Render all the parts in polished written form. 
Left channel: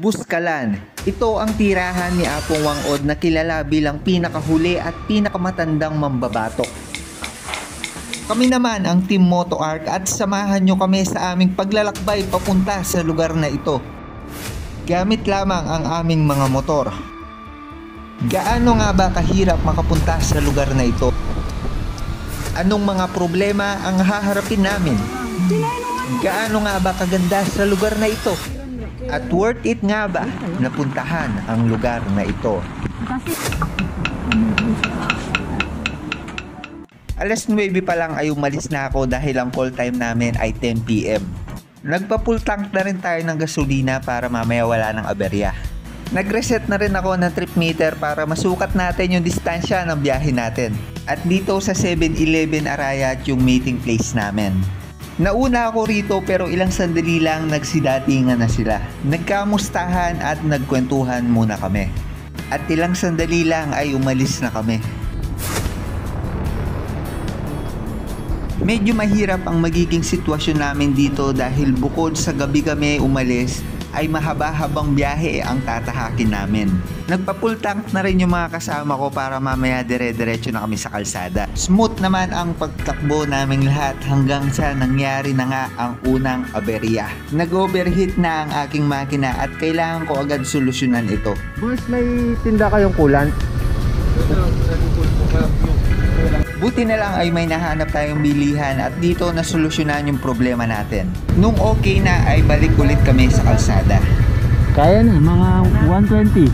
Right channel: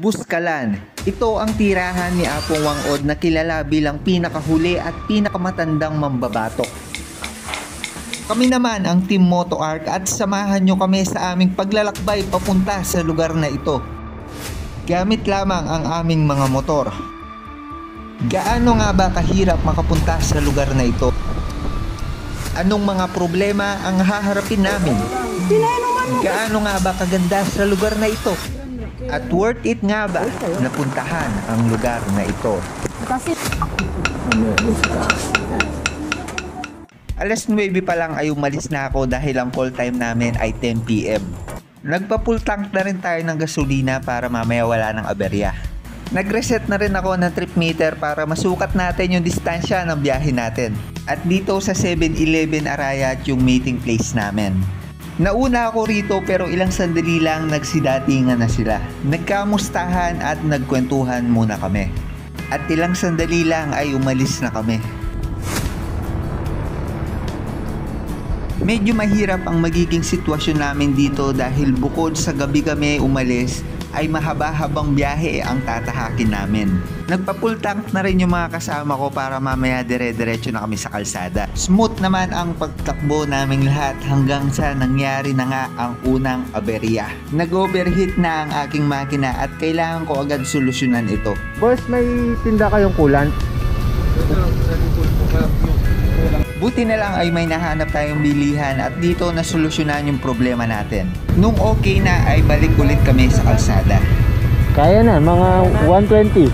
Buskalan. Ito ang tirahan ni Apong Wangod na kilala bilang pinakahuli at pinakamatandang mambabatok. Kami naman ang Team Moto Arc at samahan nyo kami sa aming paglalakbay papunta sa lugar na ito. Gamit lamang ang aming mga motor. Gaano nga ba kahirap makapunta sa lugar na ito? Anong mga problema ang haharapin namin? Gaano nga ba kaganda sa lugar na ito? At worth it nga ba na puntahan ang lugar na ito? Alas 9 pa lang ay umalis na ako dahil ang call time namin ay 10 PM. Nagpa-full tank na rin tayo ng gasolina para mamaya wala ng aberya. Nag-reset na rin ako ng trip meter para masukat natin yung distansya ng biyahe natin. At dito sa 7-Eleven Arayat yung meeting place namin. Nauna ako rito pero ilang sandali lang nagsidatingan na sila. Nagkamustahan at nagkwentuhan muna kami. At ilang sandali lang ay umalis na kami. Medyo mahirap ang magiging sitwasyon namin dito dahil bukod sa gabi kami umalis ay mahaba-habang biyahe ang tatahakin namin. Nagpa-full tank na rin yung mga kasama ko para mamaya dire-diretso na kami sa kalsada. Smooth naman ang pagtakbo naming lahat hanggang sa nangyari na nga ang unang aberya. Nag-overheat na ang aking makina at kailangan ko agad solusyonan ito. Boss, may tinda kayong coolant? Buti na lang ay may nahanap tayong bilihan at dito na solusyonan yung problema natin. Nung okay na ay balik ulit kami sa kalsada. Kaya na, mga 120.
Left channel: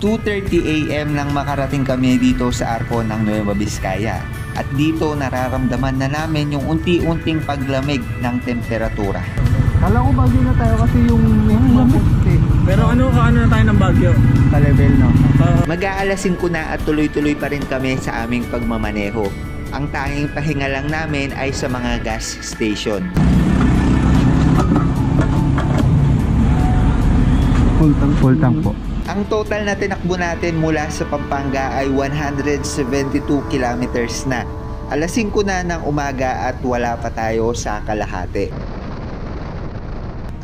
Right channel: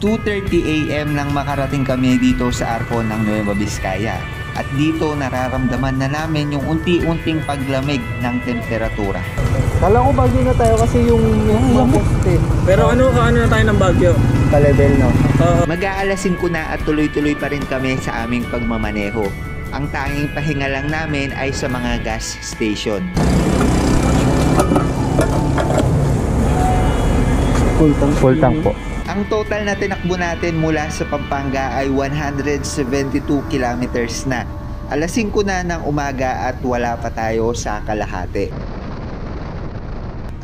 2:30 AM nang makarating kami dito sa Arco ng Nueva Vizcaya. At dito nararamdaman na namin yung unti-unting paglamig ng temperatura. Kala ko Baguio na tayo kasi yung poste. Pero ano na tayo ng Baguio? Pa-level, no? Mag-aalasin ko na at tuloy-tuloy pa rin kami sa aming pagmamaneho. Ang tanging pahinga lang namin ay sa mga gas station. Full tank po. Ang total na tinakbo natin mula sa Pampanga ay 172 kilometers na. Alas 5 na ng umaga at wala pa tayo sa kalahati.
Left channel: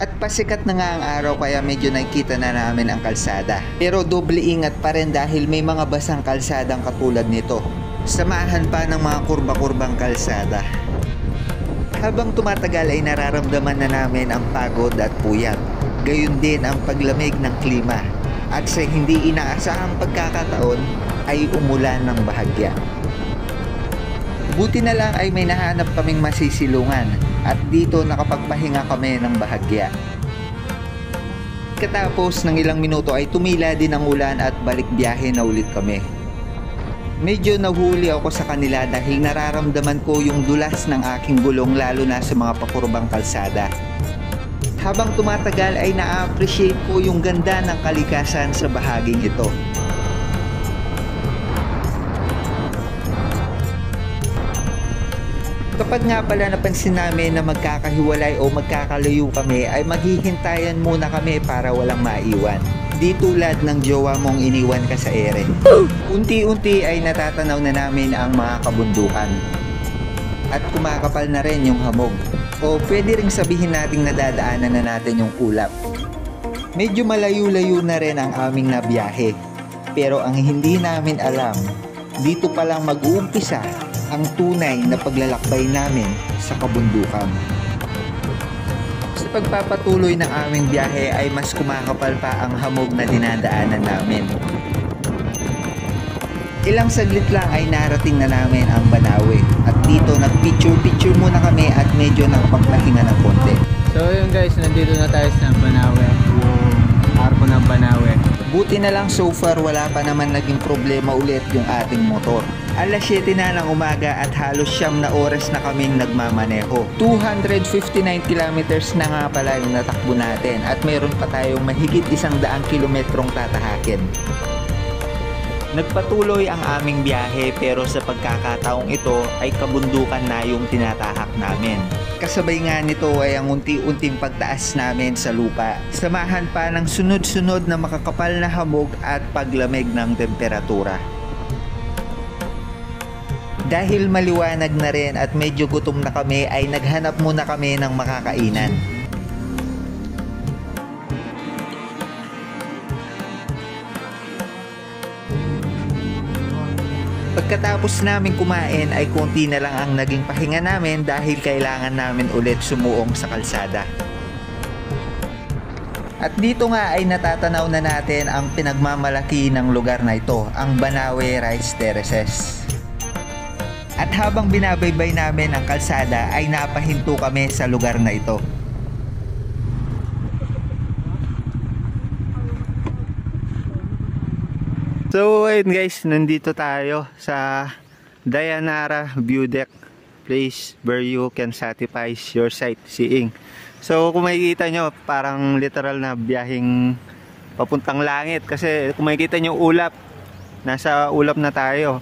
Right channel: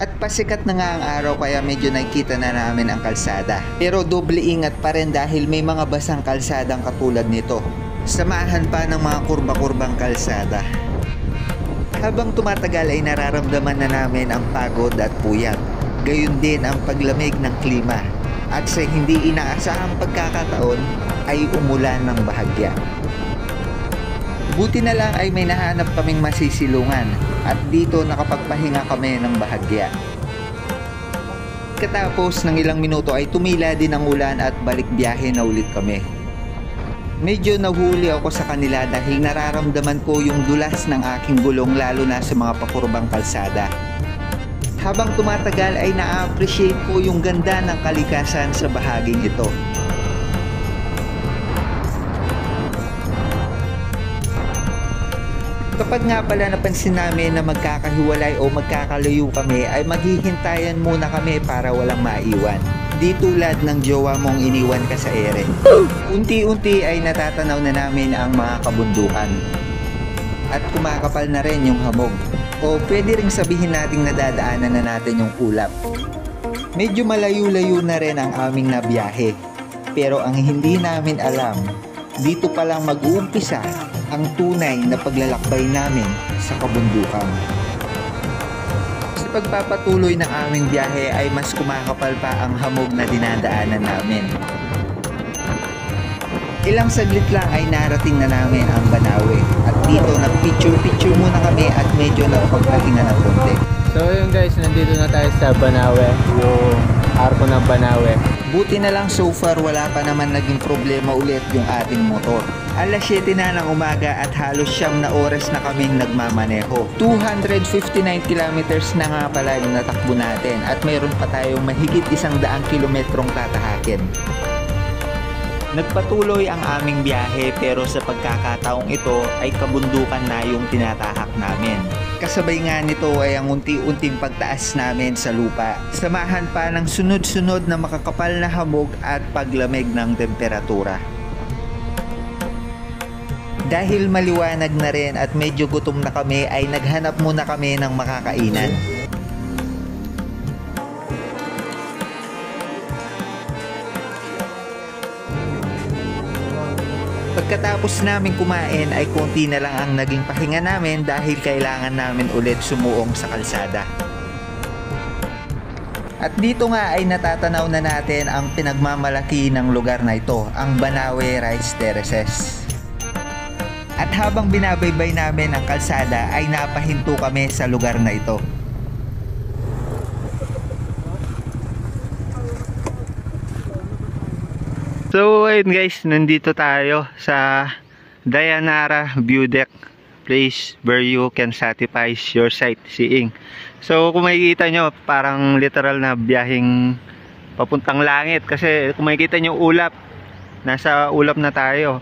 At pasikat na nga ang araw kaya medyo nakikita na namin ang kalsada. Pero doble ingat pa rin dahil may mga basang kalsadang katulad nito. Samahan pa ng mga kurba-kurbang kalsada. Habang tumatagal ay nararamdaman na namin ang pagod at puyat. Gayon din ang paglamig ng klima. At sa hindi inaasahang pagkakataon ay umulan ng bahagya. Buti na lang ay may nahanap kaming masisilungan at dito nakapagpahinga kami ng bahagya. Katapos ng ilang minuto ay tumila din ang ulan at balik biyahe na ulit kami. Medyo nahuli ako sa kanila dahil nararamdaman ko yung dulas ng aking gulong lalo na sa mga pakurbang kalsada. Habang tumatagal ay na-appreciate ko yung ganda ng kalikasan sa bahaging ito. Kapag nga pala napansin namin na magkakahiwalay o magkakalayo kami ay maghihintayan muna kami para walang maiwan. Di tulad ng jowa mong iniwan ka sa ere. Unti-unti ay natatanaw na namin ang mga kabundukan. At kumakapal na rin yung hamog. O pwede ring sabihin nating nadadaanan na natin yung ulap. Medyo malayo-layo na rin ang aming nabiyahe. Pero ang hindi namin alam, dito palang mag-uumpisa ang tunay na paglalakbay namin sa kabundukan. Sa pagpapatuloy ng aming biyahe ay mas kumakapal pa ang hamog na dinadaanan namin. Ilang saglit lang ay narating na namin ang Banawe at dito nag-picture-picture muna kami at medyo nakapagpahinga ng konti. So yun guys, nandito na tayo sa Banawe, yung Arco ng Banawe. Buti na lang so far wala pa naman naging problema ulit yung ating motor. Alas 7 na ng umaga at halos 9 na oras na kaming nagmamaneho. 259 kilometers na nga pala yung natakbo natin at mayroon pa tayong mahigit 100 kilometrong tatahakin. Nagpatuloy ang aming biyahe pero sa pagkakataong ito ay kabundukan na yung tinatahak namin. Kasabay nga nito ay ang unti-unting pagtaas namin sa lupa. Samahan pa ng sunod-sunod na makakapal na hamog at paglamig ng temperatura. Dahil maliwanag na rin at medyo gutom na kami ay naghanap muna kami ng makakainan. Pagkatapos namin kumain ay konti na lang ang naging pahinga namin dahil kailangan namin ulit sumuong sa kalsada. At dito nga ay natatanaw na natin ang pinagmamalaki ng lugar na ito, ang Banawe Rice Terraces. At habang binabaybay namin ang kalsada ay napahinto kami sa lugar na ito. So ayun guys, nandito tayo sa Dayanara View Deck, place where you can satisfy your sightseeing. So kung makikita nyo, parang literal na biyaheng papuntang langit. Kasi kung makikita nyo ulap, nasa ulap na tayo.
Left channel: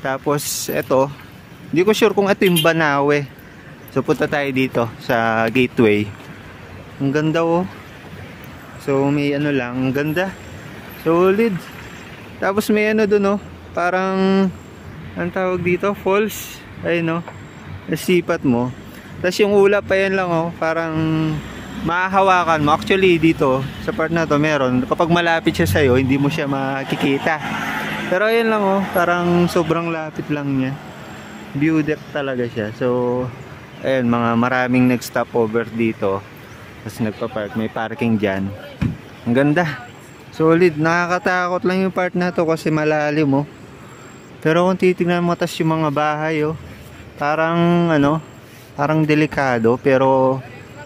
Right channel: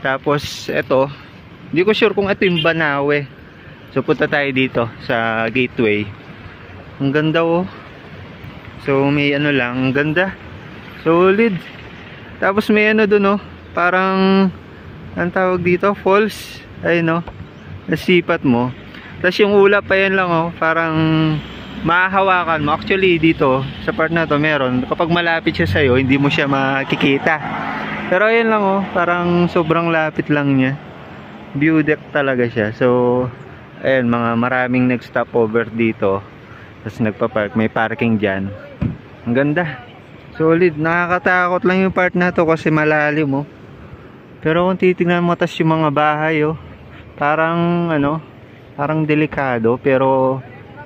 Tapos eto, hindi ko sure kung ito yung Banawe. So punta tayo dito sa gateway. Ang ganda oh. So may ano lang, ang ganda. Solid. Tapos may ano dun oh, parang ang tawag dito, falls. Ayun oh, nasipat mo. Tapos yung ulap pa yan lang oh, parang mahahawakan mo. Actually dito, sa part na to meron, kapag malapit siya sa'yo, hindi mo siya makikita. Pero ayun lang oh, parang sobrang lapit lang niya. View deck talaga siya. So, ayun, maraming nag-stop over dito. Tapos nagpa-park, may parking dyan. Ang ganda. Solid. Nakakatakot lang yung part na to kasi malalim oh. Pero kung titignan mo, tas yung mga bahay oh, parang ano, parang delikado, pero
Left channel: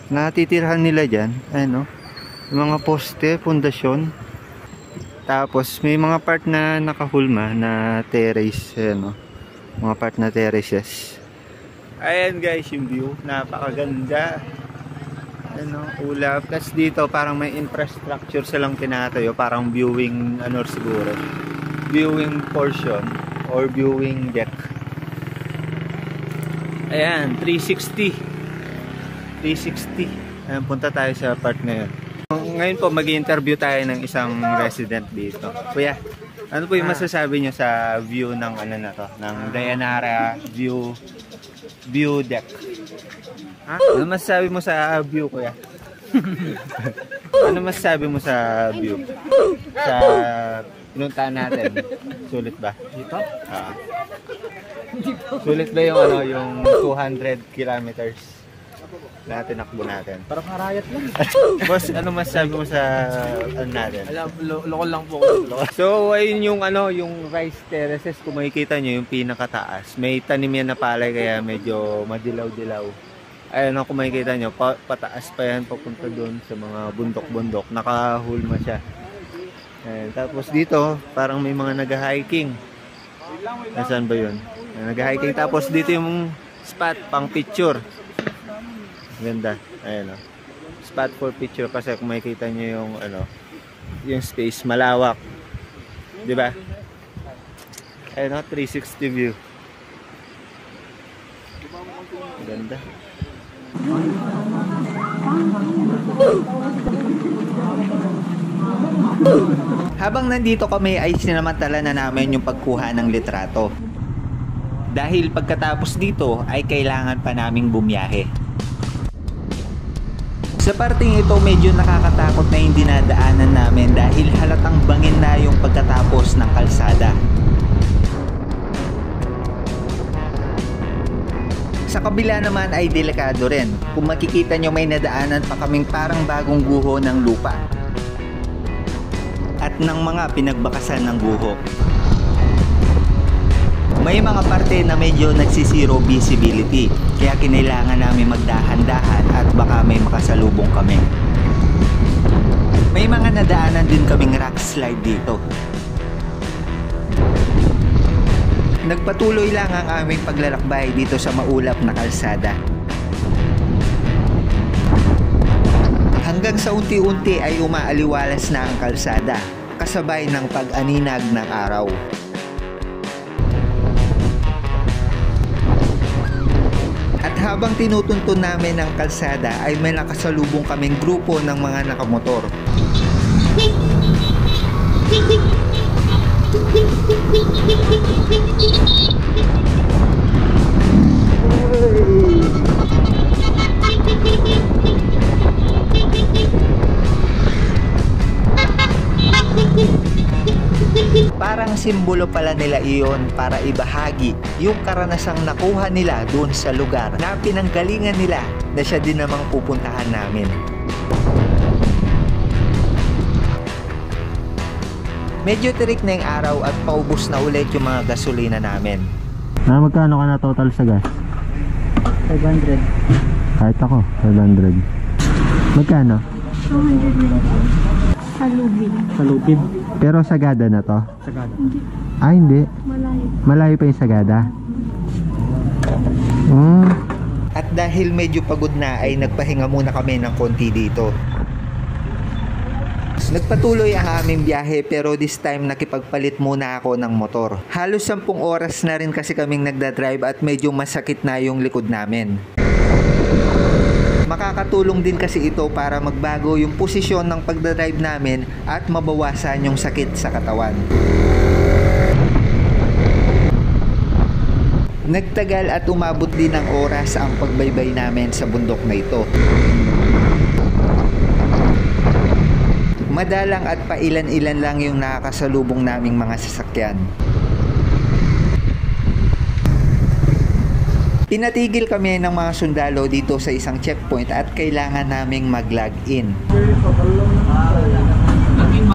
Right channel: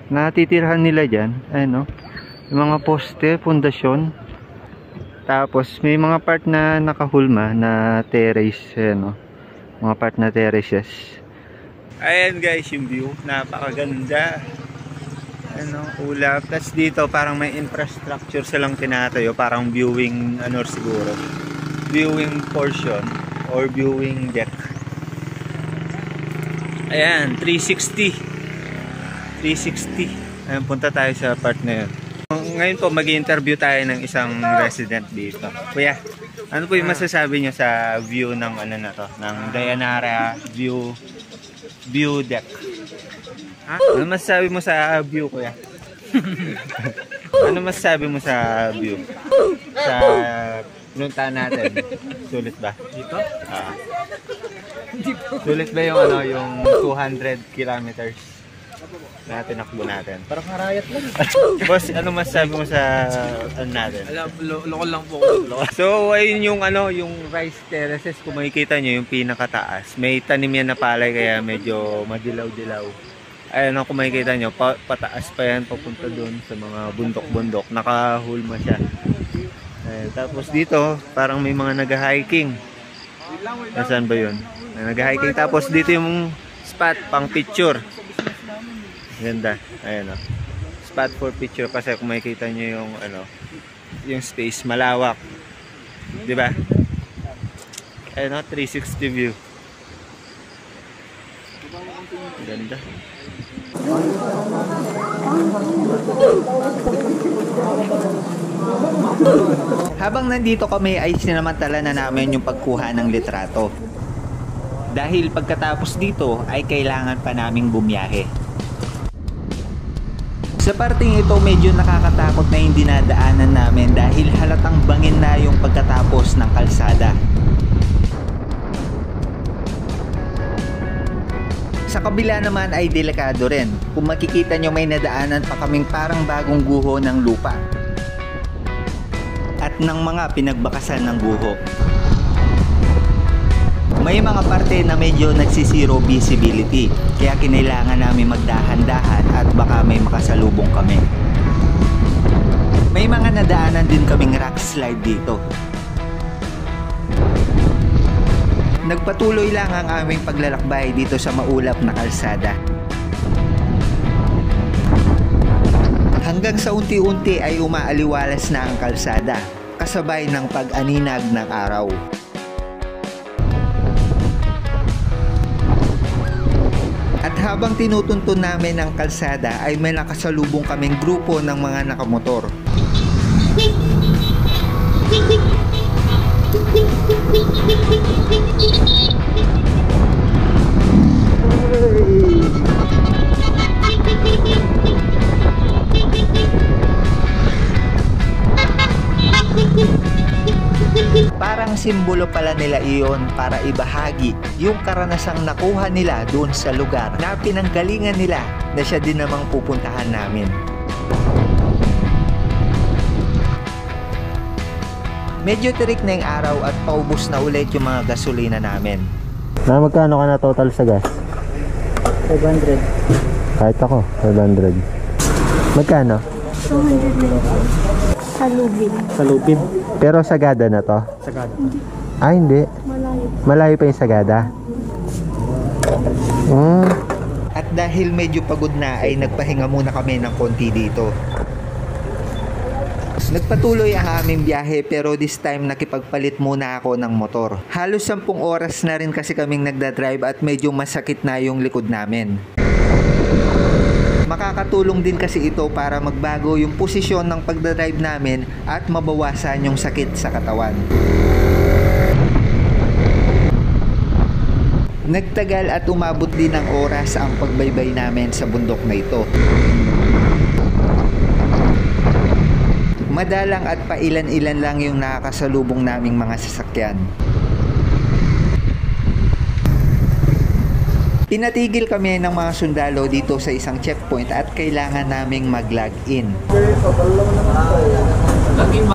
natitirhan nila dyan. Ayun oh, yung mga poste, pundasyon. Tapos may mga part na nakahulma na terrace. Ayun oh, mga part na terraces. Ayan guys yung view, napakaganda. Ano, ulap. Tapos dito parang may infrastructure silang tinatayo, parang viewing ano siguro, viewing portion or viewing deck. Ayan, 360. Ayan, punta tayo sa part na yun. Ngayon po mag-interview tayo ng isang resident dito. Kuya, ano po yung masasabi nyo sa view ng ano na to, ng Dayanara view deck? Ha? Ano masasabi mo sa view, kuya? Ano masasabi mo sa view? Sa pinuntahan natin. Sulit ba? Dito? Sulit ba yung ano, yung 200 kilometers na tinakbo natin? Parang karayat lang. Boss, ano masasabi mo sa ano natin? Alam, lokal lang po. So, ayun yung ano, yung rice terraces, kung makikita nyo yung pinakataas. May tanim yan na palay kaya medyo madilaw-dilaw. Ayun, kung makikita nyo, pataas pa yan, papunta doon sa mga bundok-bundok. Nakahulma siya. Ayun, tapos dito, parang may mga nag-hiking. Nasaan ba yun? Nag-hiking. Tapos dito yung spot, pang picture. Ganda. Ayun o. Spot for picture kasi kung makikita nyo yung ano, yung space, malawak. Diba? Ayun o, 360 view. Ganda. Habang nandito kami ay sinamantala na namin yung pagkuha ng litrato. Dahil pagkatapos dito ay kailangan pa naming bumiyahe. Sa parting ito medyo nakakatakot na yung dinadaanan namin dahil halatang bangin na yung pagkatapos ng kalsada. Sa kabila naman ay delikado rin. Kung makikita nyo may nadaanan pa kaming parang bagong guho ng lupa at ng mga pinagbakasan ng guho. May mga parte na medyo nagsisiro visibility, kaya kinailangan namin magdahan-dahan at baka may makasalubong kami. May mga nadaanan din kaming rock slide dito. Nagpatuloy lang ang aming paglalakbay dito sa maulap na kalsada. Hanggang sa unti-unti ay umaaliwalas na ang kalsada, kasabay ng pag-aninag ng araw. At habang tinutuntun namin ang kalsada ay may nakasalubong kaming grupo ng mga nakamotor. Parang simbolo pala nila iyon para ibahagi yung karanasang nakuha nila doon sa lugar na pinanggalingan nila na siya din namang pupuntahan namin. Medyo tirik na yung araw at paubos na ulit yung mga gasolina namin. Na magkano ka na total sa gas? 500. Kahit ako, 500. Magkano? 290. Sa Lubin. Sa Lupin. Pero Sagada na to? Sagada. Ah, hindi. Malayo. Malayo pa yung Sagada. At dahil medyo pagod na ay nagpahinga muna kami ng konti dito. Nagpatuloy ang aming biyahe pero this time nakipagpalit muna ako ng motor. Halos 10 oras na rin kasi kaming nagdadrive at medyo masakit na yung likod namin. Makakatulong din kasi ito para magbago yung posisyon ng pagdadrive namin at mabawasan yung sakit sa katawan. Nagtagal at umabot din ng oras ang pagbaybay namin sa bundok na ito. Madalang at pailan-ilan lang yung nakakasalubong naming mga sasakyan. Pinatigil kami ng mga sundalo dito sa isang checkpoint at kailangan naming mag-log in.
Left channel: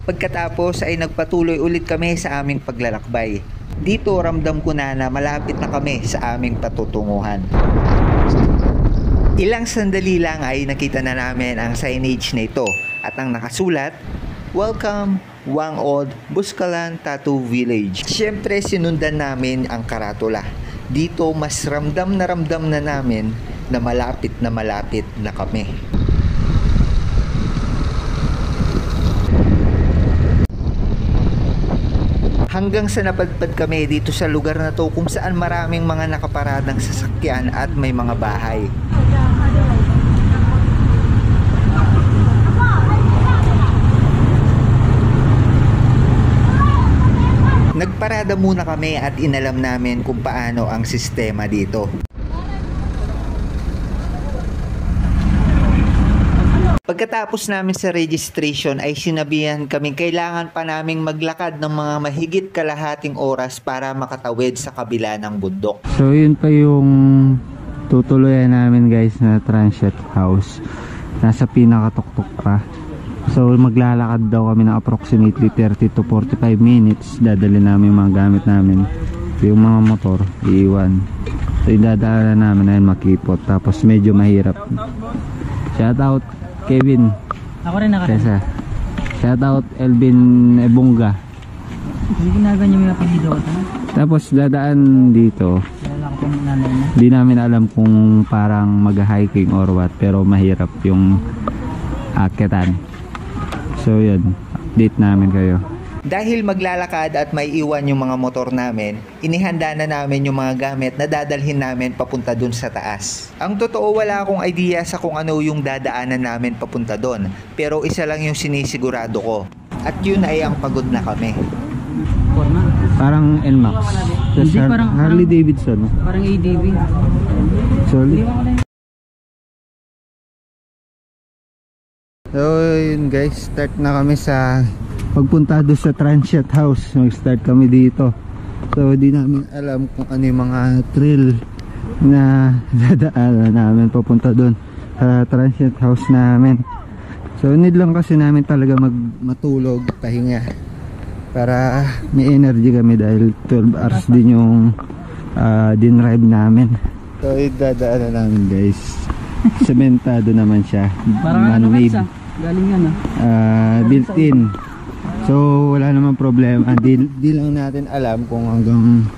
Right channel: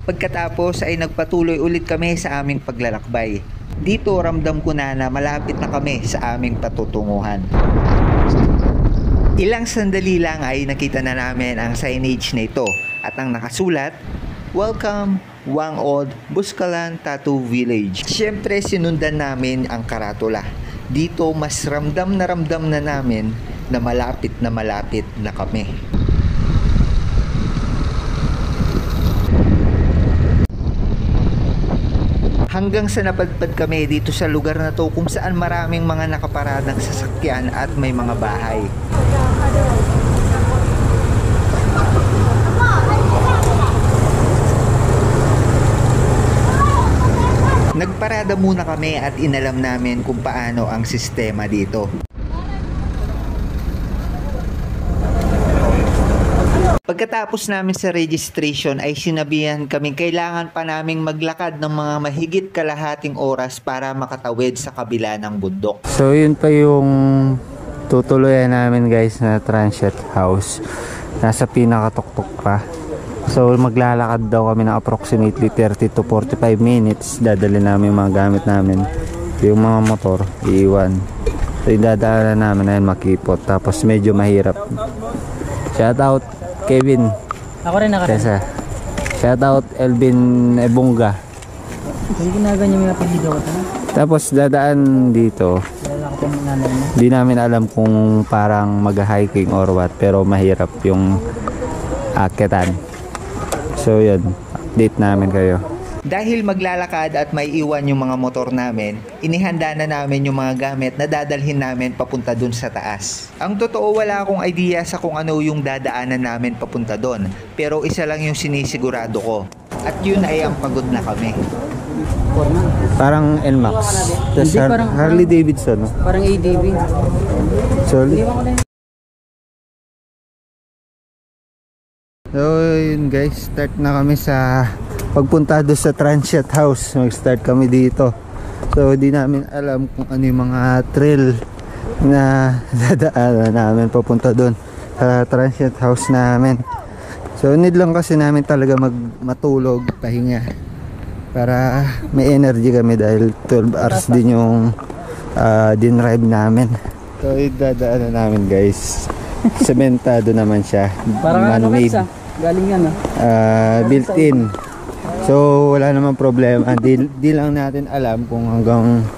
Pagkatapos ay nagpatuloy ulit kami sa aming paglalakbay. Dito ramdam ko na malapit na kami sa aming patutunguhan. Ilang sandali lang ay nakita na namin ang signage na ito at ang nakasulat, "Welcome, Wangod, Buskalan Tattoo Village." Siyempre sinundan namin ang karatula. Dito mas ramdam na namin na malapit na kami. Hanggang sa napadpad kami dito sa lugar na to kung saan maraming mga nakaparadang sasakyan at may mga bahay. Nagparada muna kami at inalam namin kung paano ang sistema dito. Pagkatapos namin sa registration ay sinabihan kami kailangan pa naming maglakad ng mga mahigit kalahating oras para makatawid sa kabila ng bundok. So yun pa yung tutuloyan namin guys na transient house. Nasa pinakatuktok pa. So maglalakad daw kami ng approximately 30 to 45 minutes. Dadali namin yung mga gamit namin. Yung mga motor, iiwan. So idadaanan namin ayun makipot. Tapos medyo mahirap. Shout out Kevin. Ako rin nakarating. Tessa. Shout out Elvin Ebunga. Hindi ginaganyan yung napag-video ko. Tapos dadaan dito. Wala ko pa nanay mo. Di namin alam kung parang mag-hiking or what. Pero mahirap yung akitan. So yun, update namin kayo. Dahil maglalakad at may iwan yung mga motor namin, inihanda na namin yung mga gamit na dadalhin namin papunta dun sa taas. Ang totoo wala akong idea sa kung ano yung dadaanan namin papunta dun, pero isa lang yung sinisigurado ko. At yun ay ang pagod na kami. Parang NMAX. Tas Hindi, parang- Harley Davidson. No? Parang ADV. Solid. So yun guys, start na kami sa pagpunta doon sa transient house. Mag-start kami dito. So di namin alam kung ano yung mga trail na dadaanan namin papunta doon sa transient house namin. So need lang kasi namin talaga matulog, pahinga para may energy kami dahil 12 hours din yung dinrive namin. So idadaanan namin guys. Sementado naman siya. Parang ano Man-made. guys ah. Galing yan Built-in. So wala namang problema. Di lang natin alam kung hanggang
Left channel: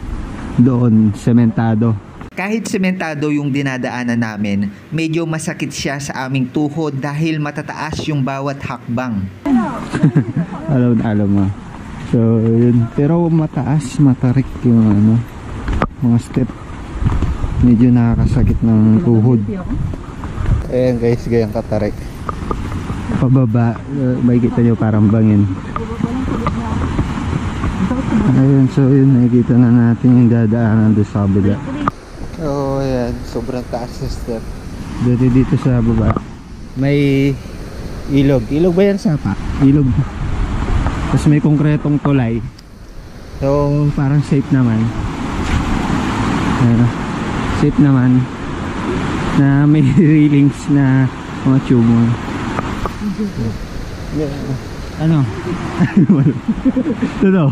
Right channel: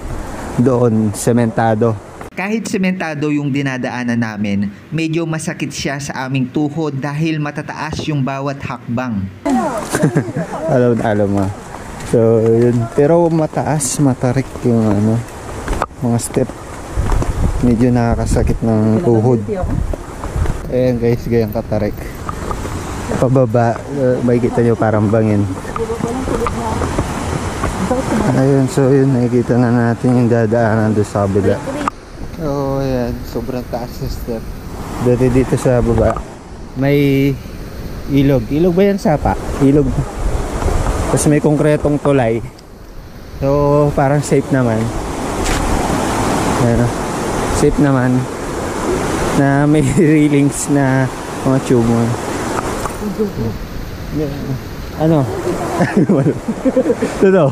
doon sementado. Kahit sementado yung dinadaanan namin, medyo masakit siya sa aming tuhod dahil matataas yung bawat hakbang. Alam mo. So yun. Pero mataas, matarik yung mga step. Medyo nakakasakit ng tuhod. Ayan guys, gayang katarik. Pababa, makikita nyo parang bangin. Ayun, so yun, nakikita na natin yung dadaanan doon sa kabila. So ayan, sobrang taas na step. Dito sa baba may ilog. Ilog ba yan, Sapa? Ilog. Tapos may konkretong tulay. So parang safe naman. Ano, safe naman na may railings na mga tube mo. Ano? Ito.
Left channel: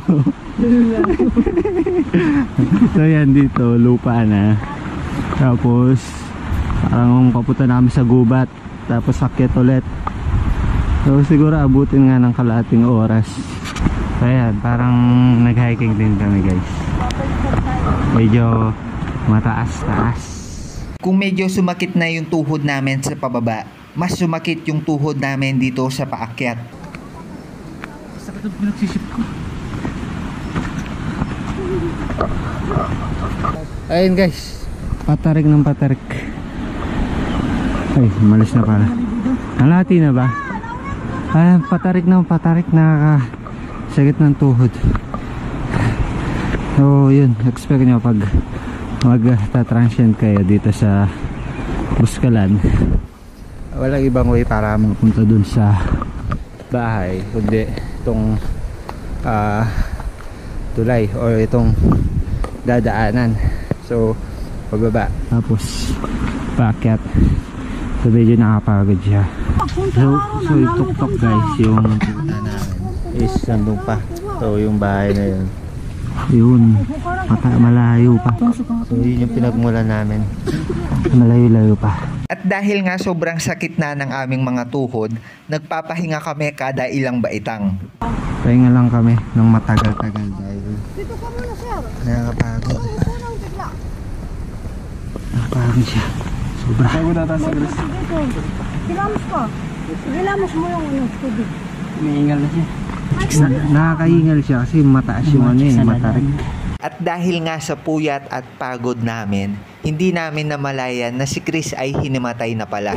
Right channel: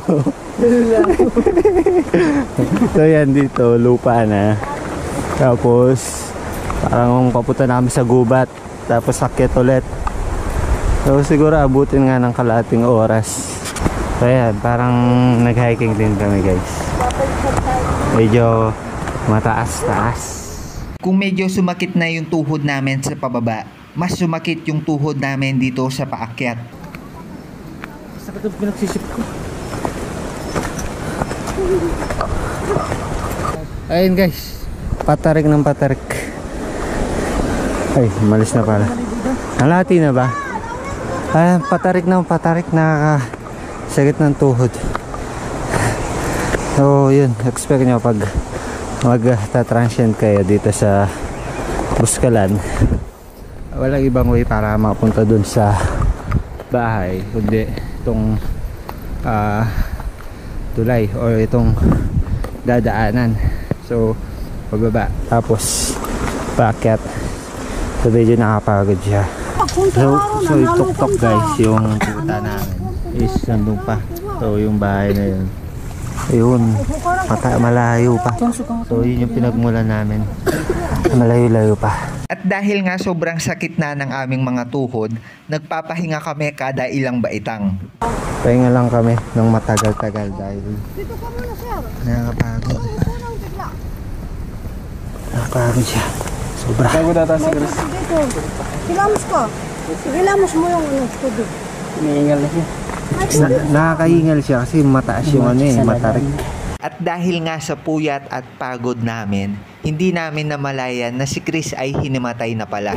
So yan, dito lupa na. Tapos parang papunta namin sa gubat. Tapos sakit ulit. So siguro abutin nga ng kalahating oras. So yan, parang nag-hiking din kami guys. Medyo mataas-taas. Kung medyo sumakit na yung tuhod namin sa pababa, mas sumakit yung tuhod namin dito sa paakyat. Sakit ang pinagsisip ko. Ayun guys, patarik ng patarik. Ay, malis na pala. Halati na ba? Ay, patarik ng patarik, nakakasakit ng tuhod. So yun, expect nyo pag magta-transient kayo dito sa Buskalan, walang ibang way para mapunta dun sa bahay kundi itong tulay or itong dadaanan. So pagbaba tapos paakyat, so medyo nakapagod siya. So itok-tok guys, yung pupunta namin is nandun pa. So yung bahay na yun, ayun, malayo pa. So yun yung pinagmulan namin, malayo-layo pa. At dahil nga sobrang sakit na ng aming mga tuhod, nagpapahinga kami kada ilang baitang. Pahinga lang kami ng matagal-tagal dahil nakakapagod. Nakakapagod siya. Sobra. Hilamos ko. Hilamos mo yung tubig. Umiingal na siya. Nakakahingal siya kasi mataas yung matarik. At dahil nga sa puyat at pagod namin, hindi namin namalayan na si Chris ay hinimatay na pala.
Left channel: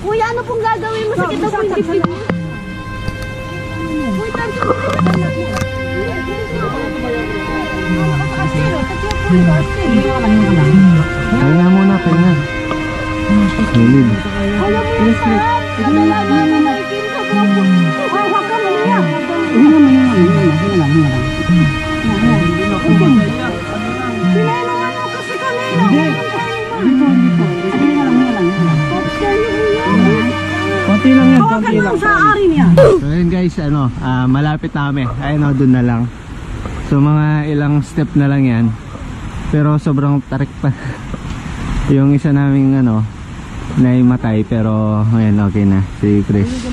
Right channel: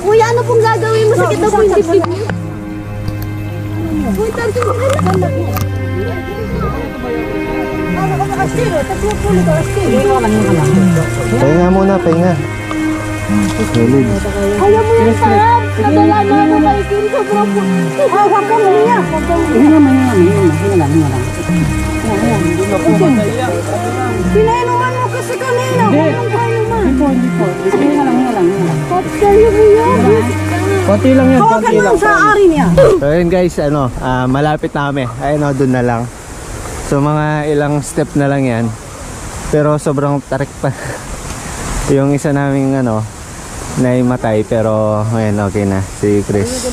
Kuya, ano pong gagawin mo? Sakit ako yung dibdib niya. Kuya, tanto mo rin na. Pahinga muna, pahinga. Solid. Ayaw mo yung sarap. Nadala mo malikin sa buko. Huwag ka mo yan. Pinayanuhan mo kasi kanina. Konti lang yan, Hawakan mo sa ari niya. So yun guys, malapit na kami. Ayun o, dun na lang. So mga ilang step na lang yan. Pero sobrang tarik pa. Yung isa naming nahimatay, pero ngayon okay na, si Chris.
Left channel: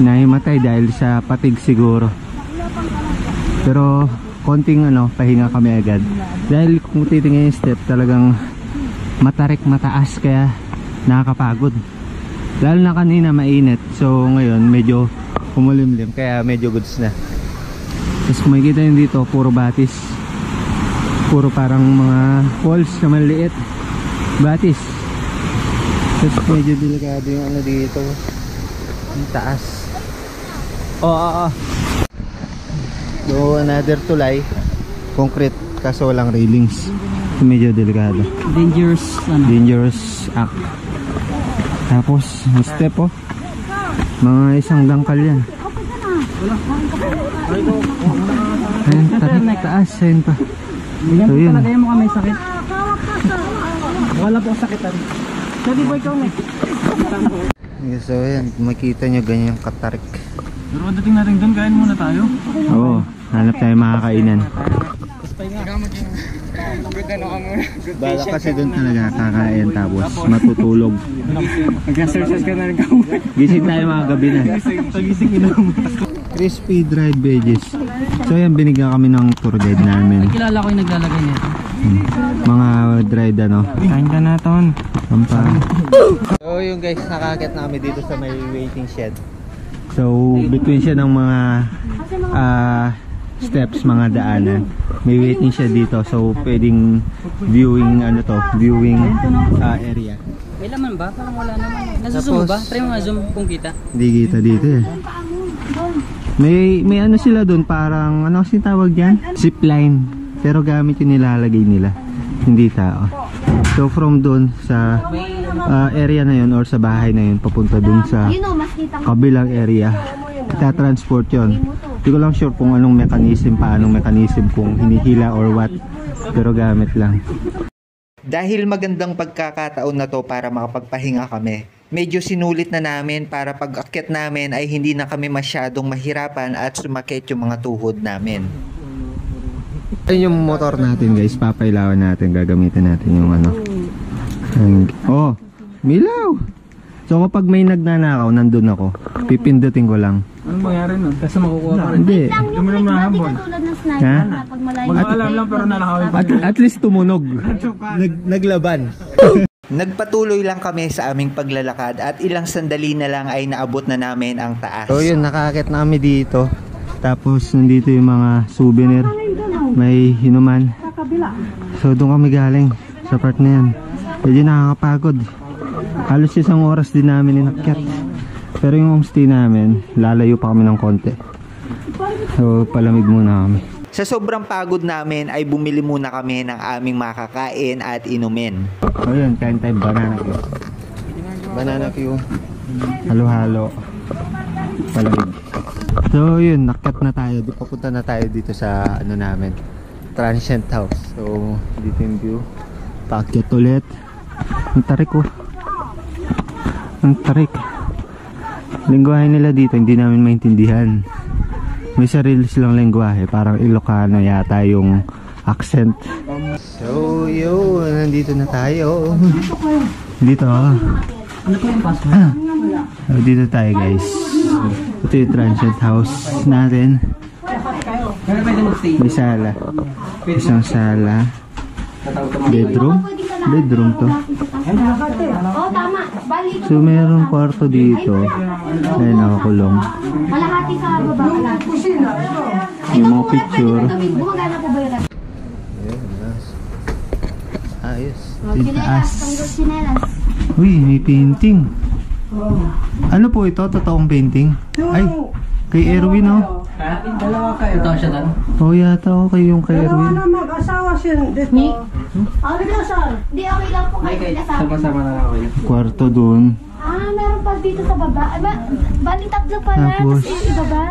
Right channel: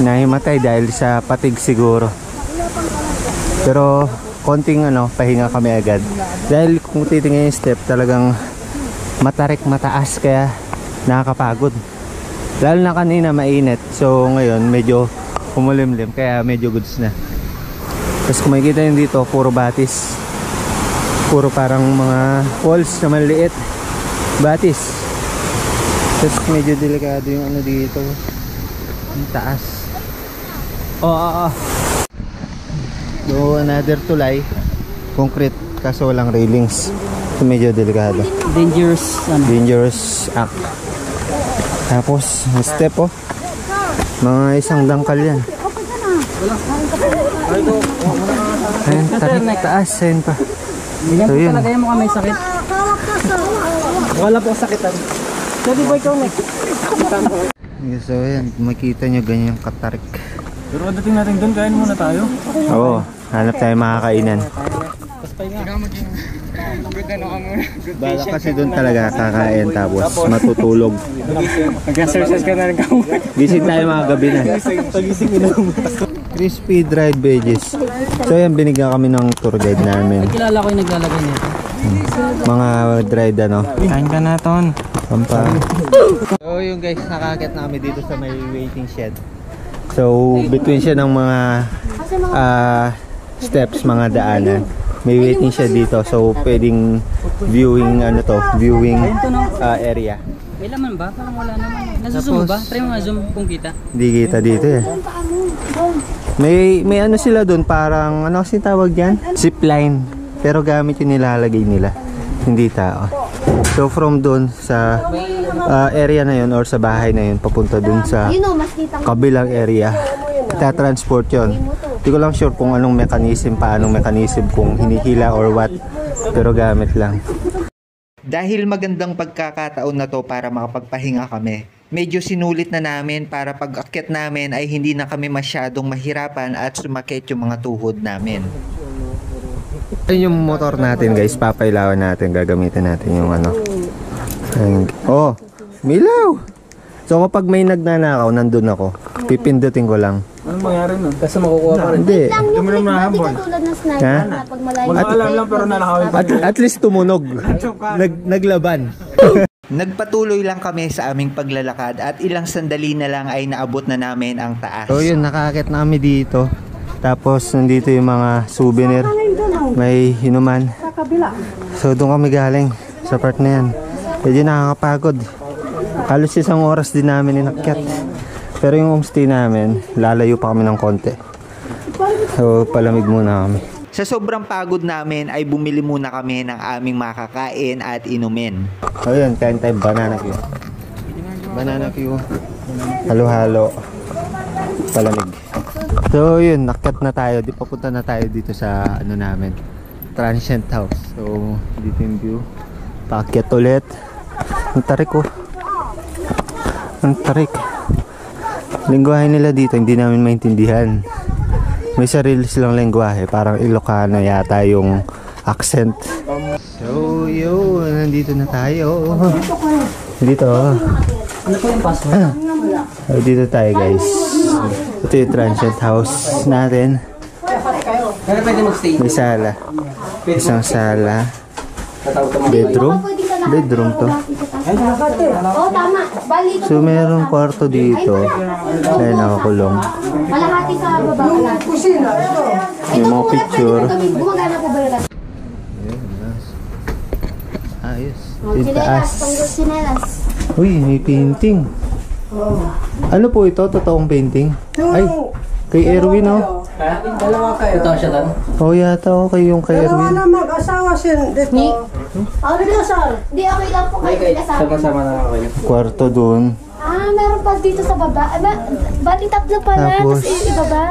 Nahimatay dahil sa patig siguro. Pero konting pahinga kami agad. Dahil kung titingnan yung step, talagang matarik, mataas, kaya nakakapagod. Lalo na kanina mainit. So ngayon medyo kumulimlim, kaya medyo goods na. Tapos kung makikita nyo dito, puro batis. Puro parang mga walls na maliit. Batis. Tapos medyo delikado yung dito. Ang taas. So another tulay. Concrete, kaso walang railings. So medyo delikado. Dangerous act. Tapos step mga isang dangkal yan. Ayun, tarik taas. Ayun pa. So yun. Talaga mo kami sakit. Wala po sakitan. So di ba ikaw next? So yan, makita nyo ganyan katarik. Pero dating natin doon, kain muna tayo. Oo, hanap tayo makakainan. Bala kasi doon talaga kakain tapos matutulog. Mag-exercise ka na rin ka. Gising tayo mga gabi na. Pagising inom. Crispy dried veggies. So yan, binigyan kami ng tour guide namin. Kilala ko yung naglalagay nito. Mga dried Kain ka na ton. So yung guys, nakakit na kami dito sa may waiting shed. So between siya ng mga steps, mga daanan, may waiting shed dito. So pwedeng viewing viewing area. May laman ba? Parang wala naman. Nasuzoom ba? Try mo nga zoom kung kita. Hindi kita dito eh. May sila doon, parang kasi tawag diyan? Zipline. Pero gamit yung nilalagay nila. Hindi tao. So from doon sa area na yun or sa bahay na yun, papunta doon sa kabilang area, itatransport yun. Hindi ko lang sure kung anong paanong mechanism, kung hinihila or what. Pero gamit lang. Dahil magandang pagkakataon na to para makapagpahinga kami, medyo sinulit na namin para pag-akyat namin ay hindi na kami masyadong mahirapan at sumakit yung mga tuhod namin. Ayun yung motor natin guys, papailawan natin, gagamitin natin yung ano. Oh, milaw! So kapag may nagnanakaw, nandun ako. Pipindutin ko lang. Anong mangyari nun? Kasi makukuha pa rin. Hindi. Lang yung click mo, di katulad ng sniper Ha? na pag malayo. Wala alam lang pero nalakawin pa. At least tumunog. Naglaban. Nagpatuloy lang kami sa aming paglalakad at ilang sandali na lang ay naabot na namin ang taas. So yun, nakakit na kami dito. Tapos nandito yung mga souvenir. May hinuman. So doon kami galing sa part na yan. Medyo nakakapagod. Halos isang oras din namin inakyat. Pero yung homestay namin, lalayo pa kami ng konti. So palamig muna kami. Sa sobrang pagod namin ay bumili muna kami ng aming makakain at inumin. So yun, kain tayo banana Q. Banana Q. Halo-halo. Palamig. So yun, nakyat na tayo. Papunta na tayo dito sa ano namin, transient house. So dito yung view. Paakyat ulit. Ang tarik ko. Ang tarik. Lingwahe nila dito hindi namin maintindihan. May sarili silang lingwahe, parang Ilocano yata yung accent. So yun, nandito na tayo. Dito. Ano po yung password? So dito tayo guys. Ito yung transient house natin. Pero pwede mag-stay. May sala. Isang sala. Bedroom. Bedroom to. Oo, tama. Bali ito. So merong kwarto dito. Ayun, nakakulong. Malahati sa baba. May mga picture. Gumagana po ba yun? Ayun, nice. Ayos. Yung taas. Sinelas. Uy, may painting. Ano po ito? Totoong painting? Ay, kay Erwin oh. Ha? Ito siya doon. Oh, yata oh, kay yung kay Erwin. Mag-asawa siya dito. Ano ka, sir? Di, okay lang po kayo kasama. Sama-sama na kayo. Kwarto dun. Ah, meron pa dito sa baba. Bali tatlo pala. Tapos, Tapos yung baba.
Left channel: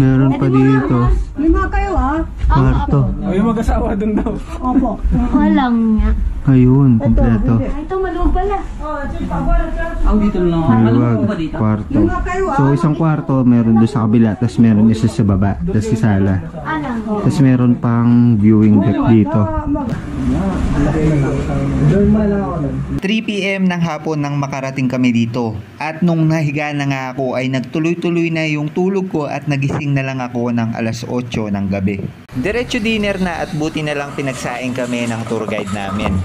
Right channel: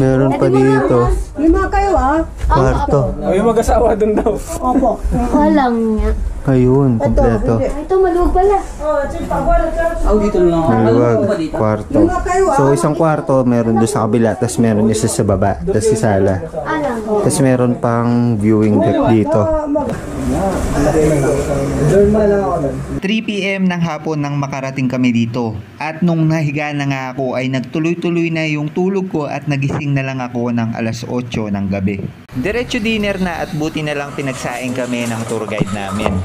meron pa dito. Lima kayo, ah? Kwarto. O yung mag-asawa doon daw. Opo. Walang nga. Ayun, kompleto. Ay, ito maluwag pala. Oh, dito lang. Maluwag, kwarto. So isang kwarto meron doon sa kabila, tapos meron isa sa baba, tapos sa sala. Alang. Tapos meron pang viewing deck dito. 3 PM ng hapon nang makarating kami dito. At nung nahiga na nga ako ay nagtuloy-tuloy na yung tulog ko at nagising na lang ako ng alas 8 ng gabi. Diretso dinner na at buti na lang pinagsaing kami ng tour guide namin.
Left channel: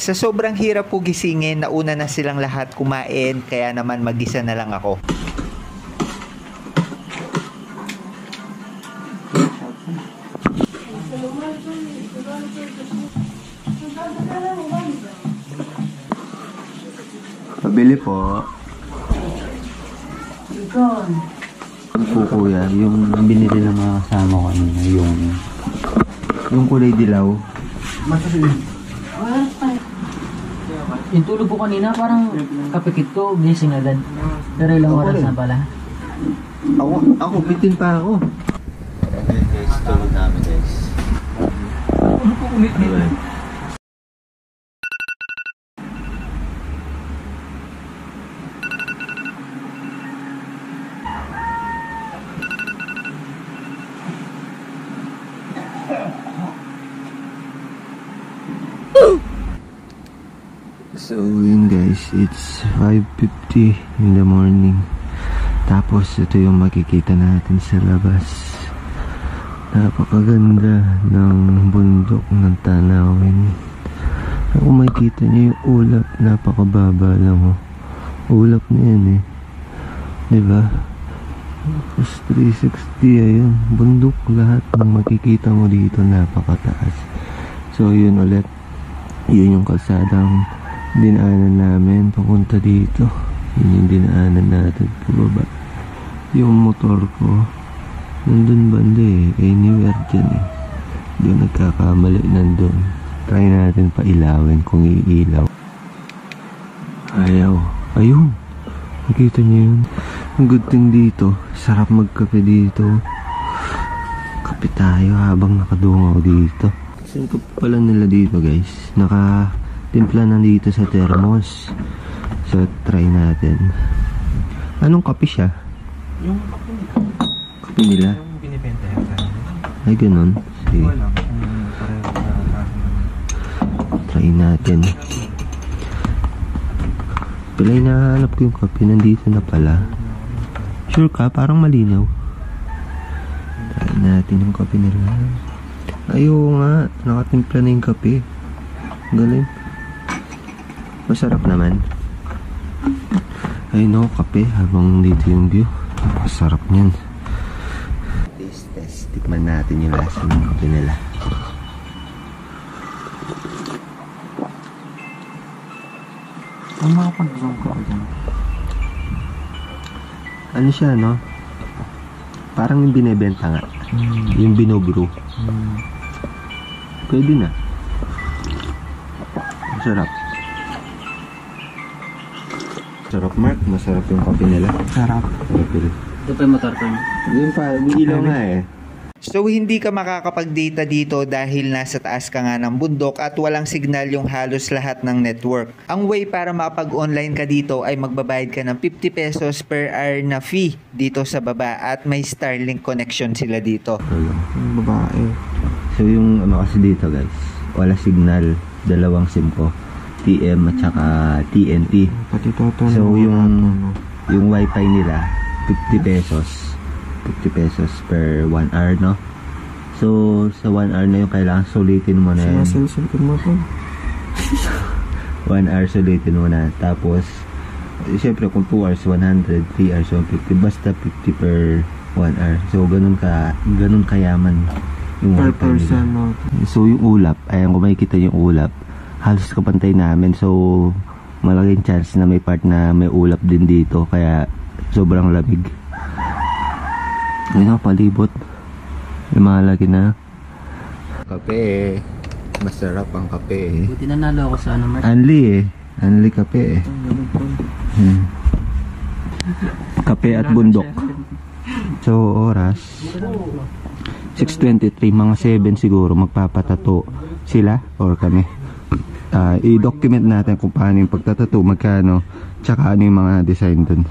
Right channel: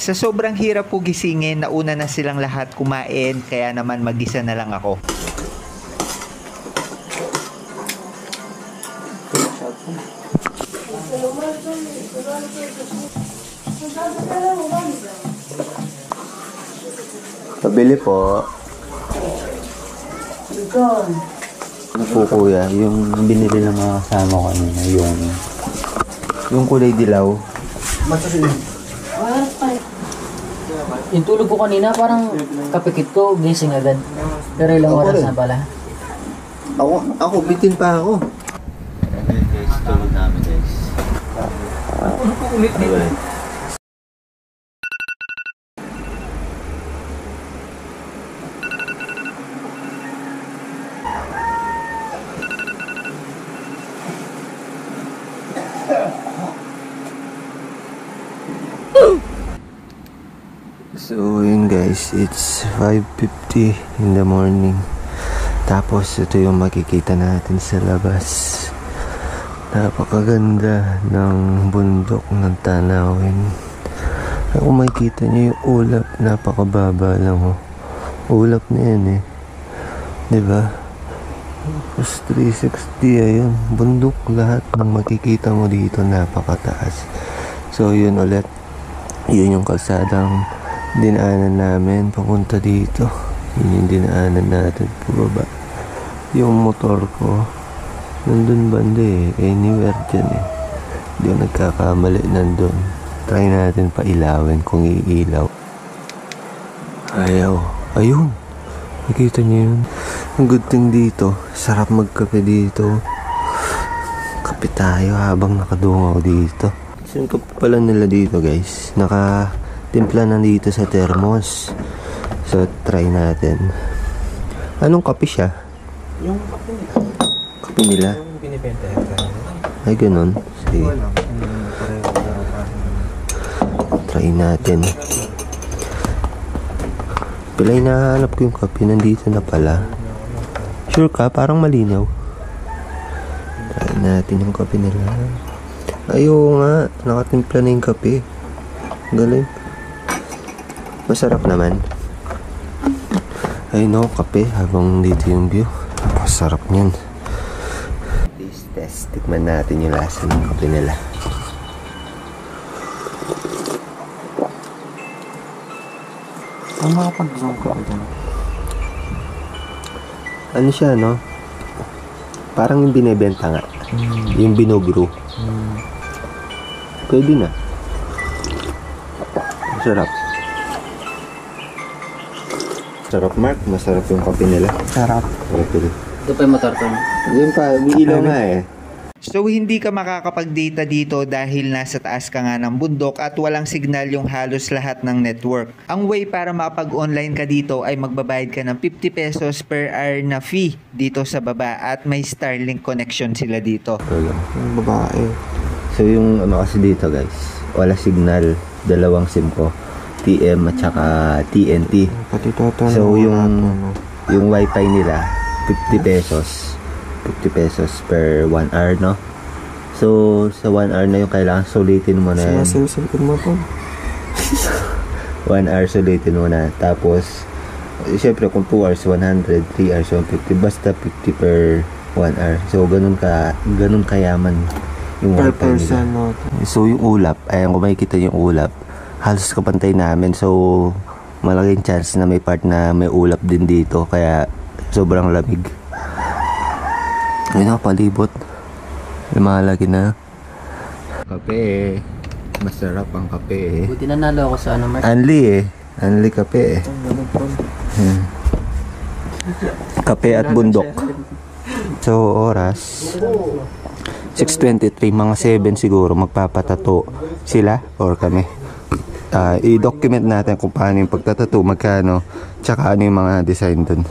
Sa sobrang hirap po gisingin, nauna na silang lahat kumain, kaya naman mag-isa na lang ako. Pabili po. Ano po kuya, yung binili ng mga kasama ko kanina, yung kulay dilaw. Yung tulog ko kanina parang kapikit ko, gising agad. Pero ilang oras na pala. Ako, bitin pa ako. Ayan guys, tulog namin guys. So yun guys, it's 5:50 in the morning. Tapos ito yung makikita natin sa labas. Napakaganda ng bundok ng tanawin. Kung makikita niyo yung ulap, napakababa lang oh. Ulap na yan eh, diba? Tapos 360 ayun, bundok lahat ng makikita mo dito, napakataas. So yun ulit, yun yung kalsadang dinaanan namin papunta dito. Yun yung dinaanan natin pababa. Yung motor ko nandun banda eh, anywhere dyan eh. Hindi ako nagkakamali nandun. Try natin pa ilawin kung iilaw. Ayaw. Ayun. Nakita niyo yun? Ang good thing dito, sarap magkape dito. Kape tayo habang nakadungaw dito. Saan kape pala nila dito guys? Nakatimpla na dito sa thermos. So try natin. Anong kape siya? Yung kape nila. Kape nila? Yung binibenta yan. Ay ganun. Sige. Try natin. Pilay nahanap ko yung kape. Nandito na pala. Sure ka? Parang malinaw. Try natin yung kape nila. Ayaw nga. Nakatimpla na yung kape. Galing. Masarap naman. Ayun ako kape habang dito yung view. Napakasarap niyan. Taste test. Tikman natin yung lasa ng kape nila. Ang makapag-zoom ka dito. Ano siya, no? Parang yung binibenta nga. Yung binogro. Pwede na. Masarap. Sarap, Mark. Masarap yung kape nila. Sarap. Okay. Ito pa yung matartan. Yun pa, umiilaw nga eh. So hindi ka makakapag-data dito dahil nasa taas ka nga ng bundok at walang signal yung halos lahat ng network. Ang way para makapag-online ka dito ay magbabayad ka ng 50 pesos per hour na fee dito sa baba at may Starlink connection sila dito. Yung babae. So yung ano kasi dito guys, wala signal. Dalawang SIM ko. TM at saka TNT. Pati toto. So yung wifi nila 50 pesos. 50 pesos per 1 hour, no? So sa 1 hour na yung kailangan sulitin mo na yan. Sinasilipin mo to. 1 hour sulitin mo na. Tapos syempre kung 2 hours 100, 3 hours 150, basta 50 per 1 hour. So ganun kayaman yung Per wifi person, nila. no? So yung ulap, ayan kung makikita yung ulap, halos kapantay namin. So malaking chance na may part na may ulap din dito, kaya sobrang lamig. Yun na, palibot. Lumalagi na. Kape eh. Masarap ang kape eh. Buti nanalo ako sa ano, Mark. Anli eh. Anli kape eh. Kape at bundok. So oras 6:23, mga 7 siguro magpapatato sila or kami. I-document natin kung paano yung pagtatato, magkano, tsaka ano yung mga design dun.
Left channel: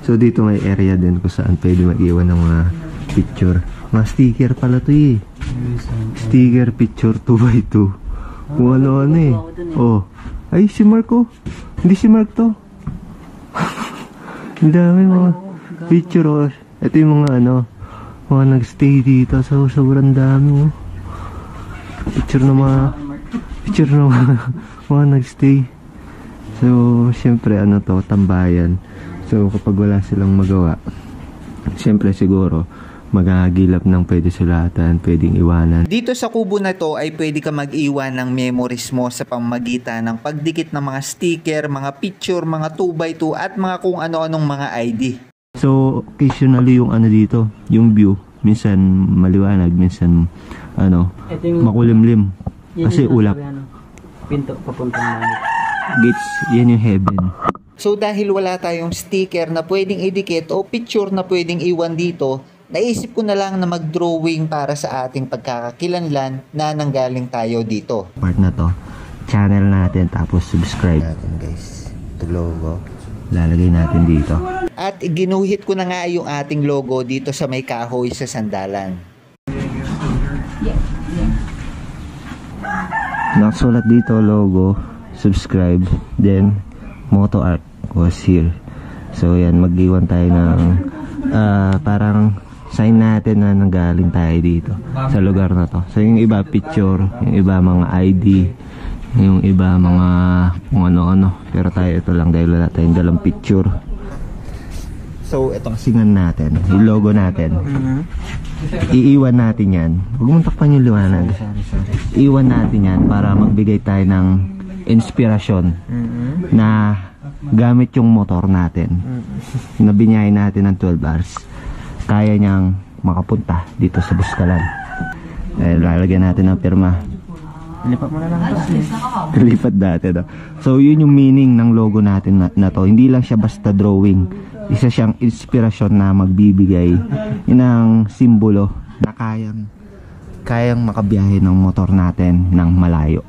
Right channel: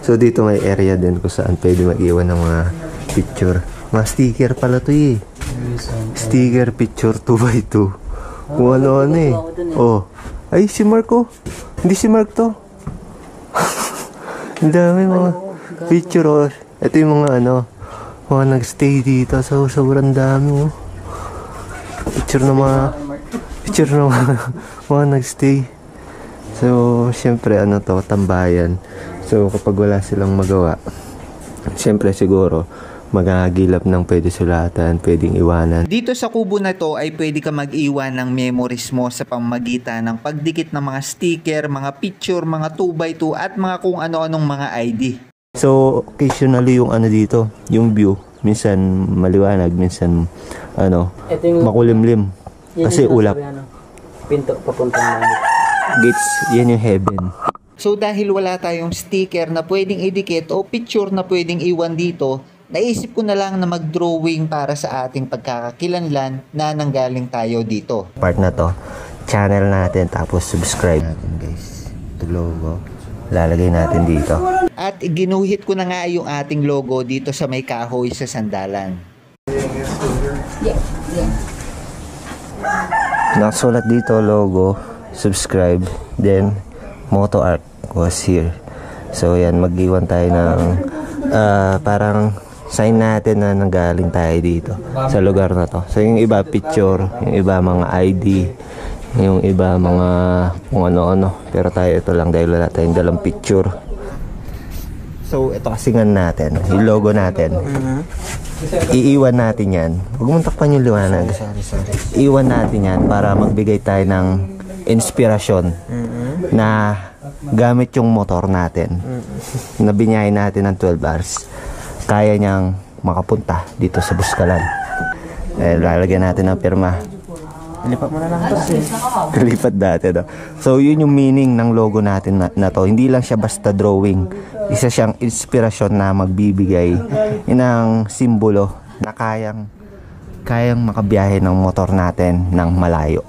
So dito may area din kung saan pwede mag-iwan ng mga picture. Mga sticker pala to eh. Sticker picture 2x2. Kung ano-ano eh. Oh. Ay si Mark oh. Hindi si Mark to. Ang dami mga picture oh. Ito yung mga ano, mga nagstay dito. So sobrang dami oh. Picture ng mga nagstay. So syempre ano to, tambayan. So kapag wala silang magawa, syempre siguro magagilap ng pwede sulatan, pwedeng iwanan. Dito sa kubo na to ay pwede ka mag-iwan ng memories mo sa pamamagitan ng pagdikit ng mga sticker, mga picture, mga 2x2 at mga kung ano-anong mga ID. So occasionally yung ano dito, yung view, minsan maliwanag, minsan ano, makulimlim. Kasi ulap. Pinto papunta na. Gates, yan yung heaven. So dahil wala tayong sticker na pwedeng idikit o picture na pwedeng iwan dito, naisip ko na lang na mag-drawing para sa ating pagkakakilanlan na nanggaling tayo dito. Part na to, channel natin, tapos subscribe natin guys. Ito logo, lalagay natin dito. At ginuhit ko na nga yung ating logo dito sa may kahoy sa sandalan. Nakasulat dito logo, subscribe, then Moto Art was here. So yan, mag-iwan tayo ng parang sign natin na nanggaling tayo dito sa lugar na to. So yung iba picture, yung iba mga ID, yung iba mga kung ano-ano. Pero tayo ito lang dahil wala tayong dalang picture. So ito kasingan natin, yung logo natin. Iiwan natin yan. Huwag mong takpan yung liwanag. Iiwan natin yan para magbigay tayo ng inspirasyon na gamit yung motor natin na binyahin natin ng 12 hours, kaya niyang makapunta dito sa Buskalan. Lalagyan natin ng pirma. Lipat mo na lang kasi. Lipat dati daw. So yun yung meaning ng logo natin na to. Hindi lang siya basta drawing. Isa siyang inspirasyon na magbibigay ng simbolo na kayang makabiyahe ng motor natin ng malayo.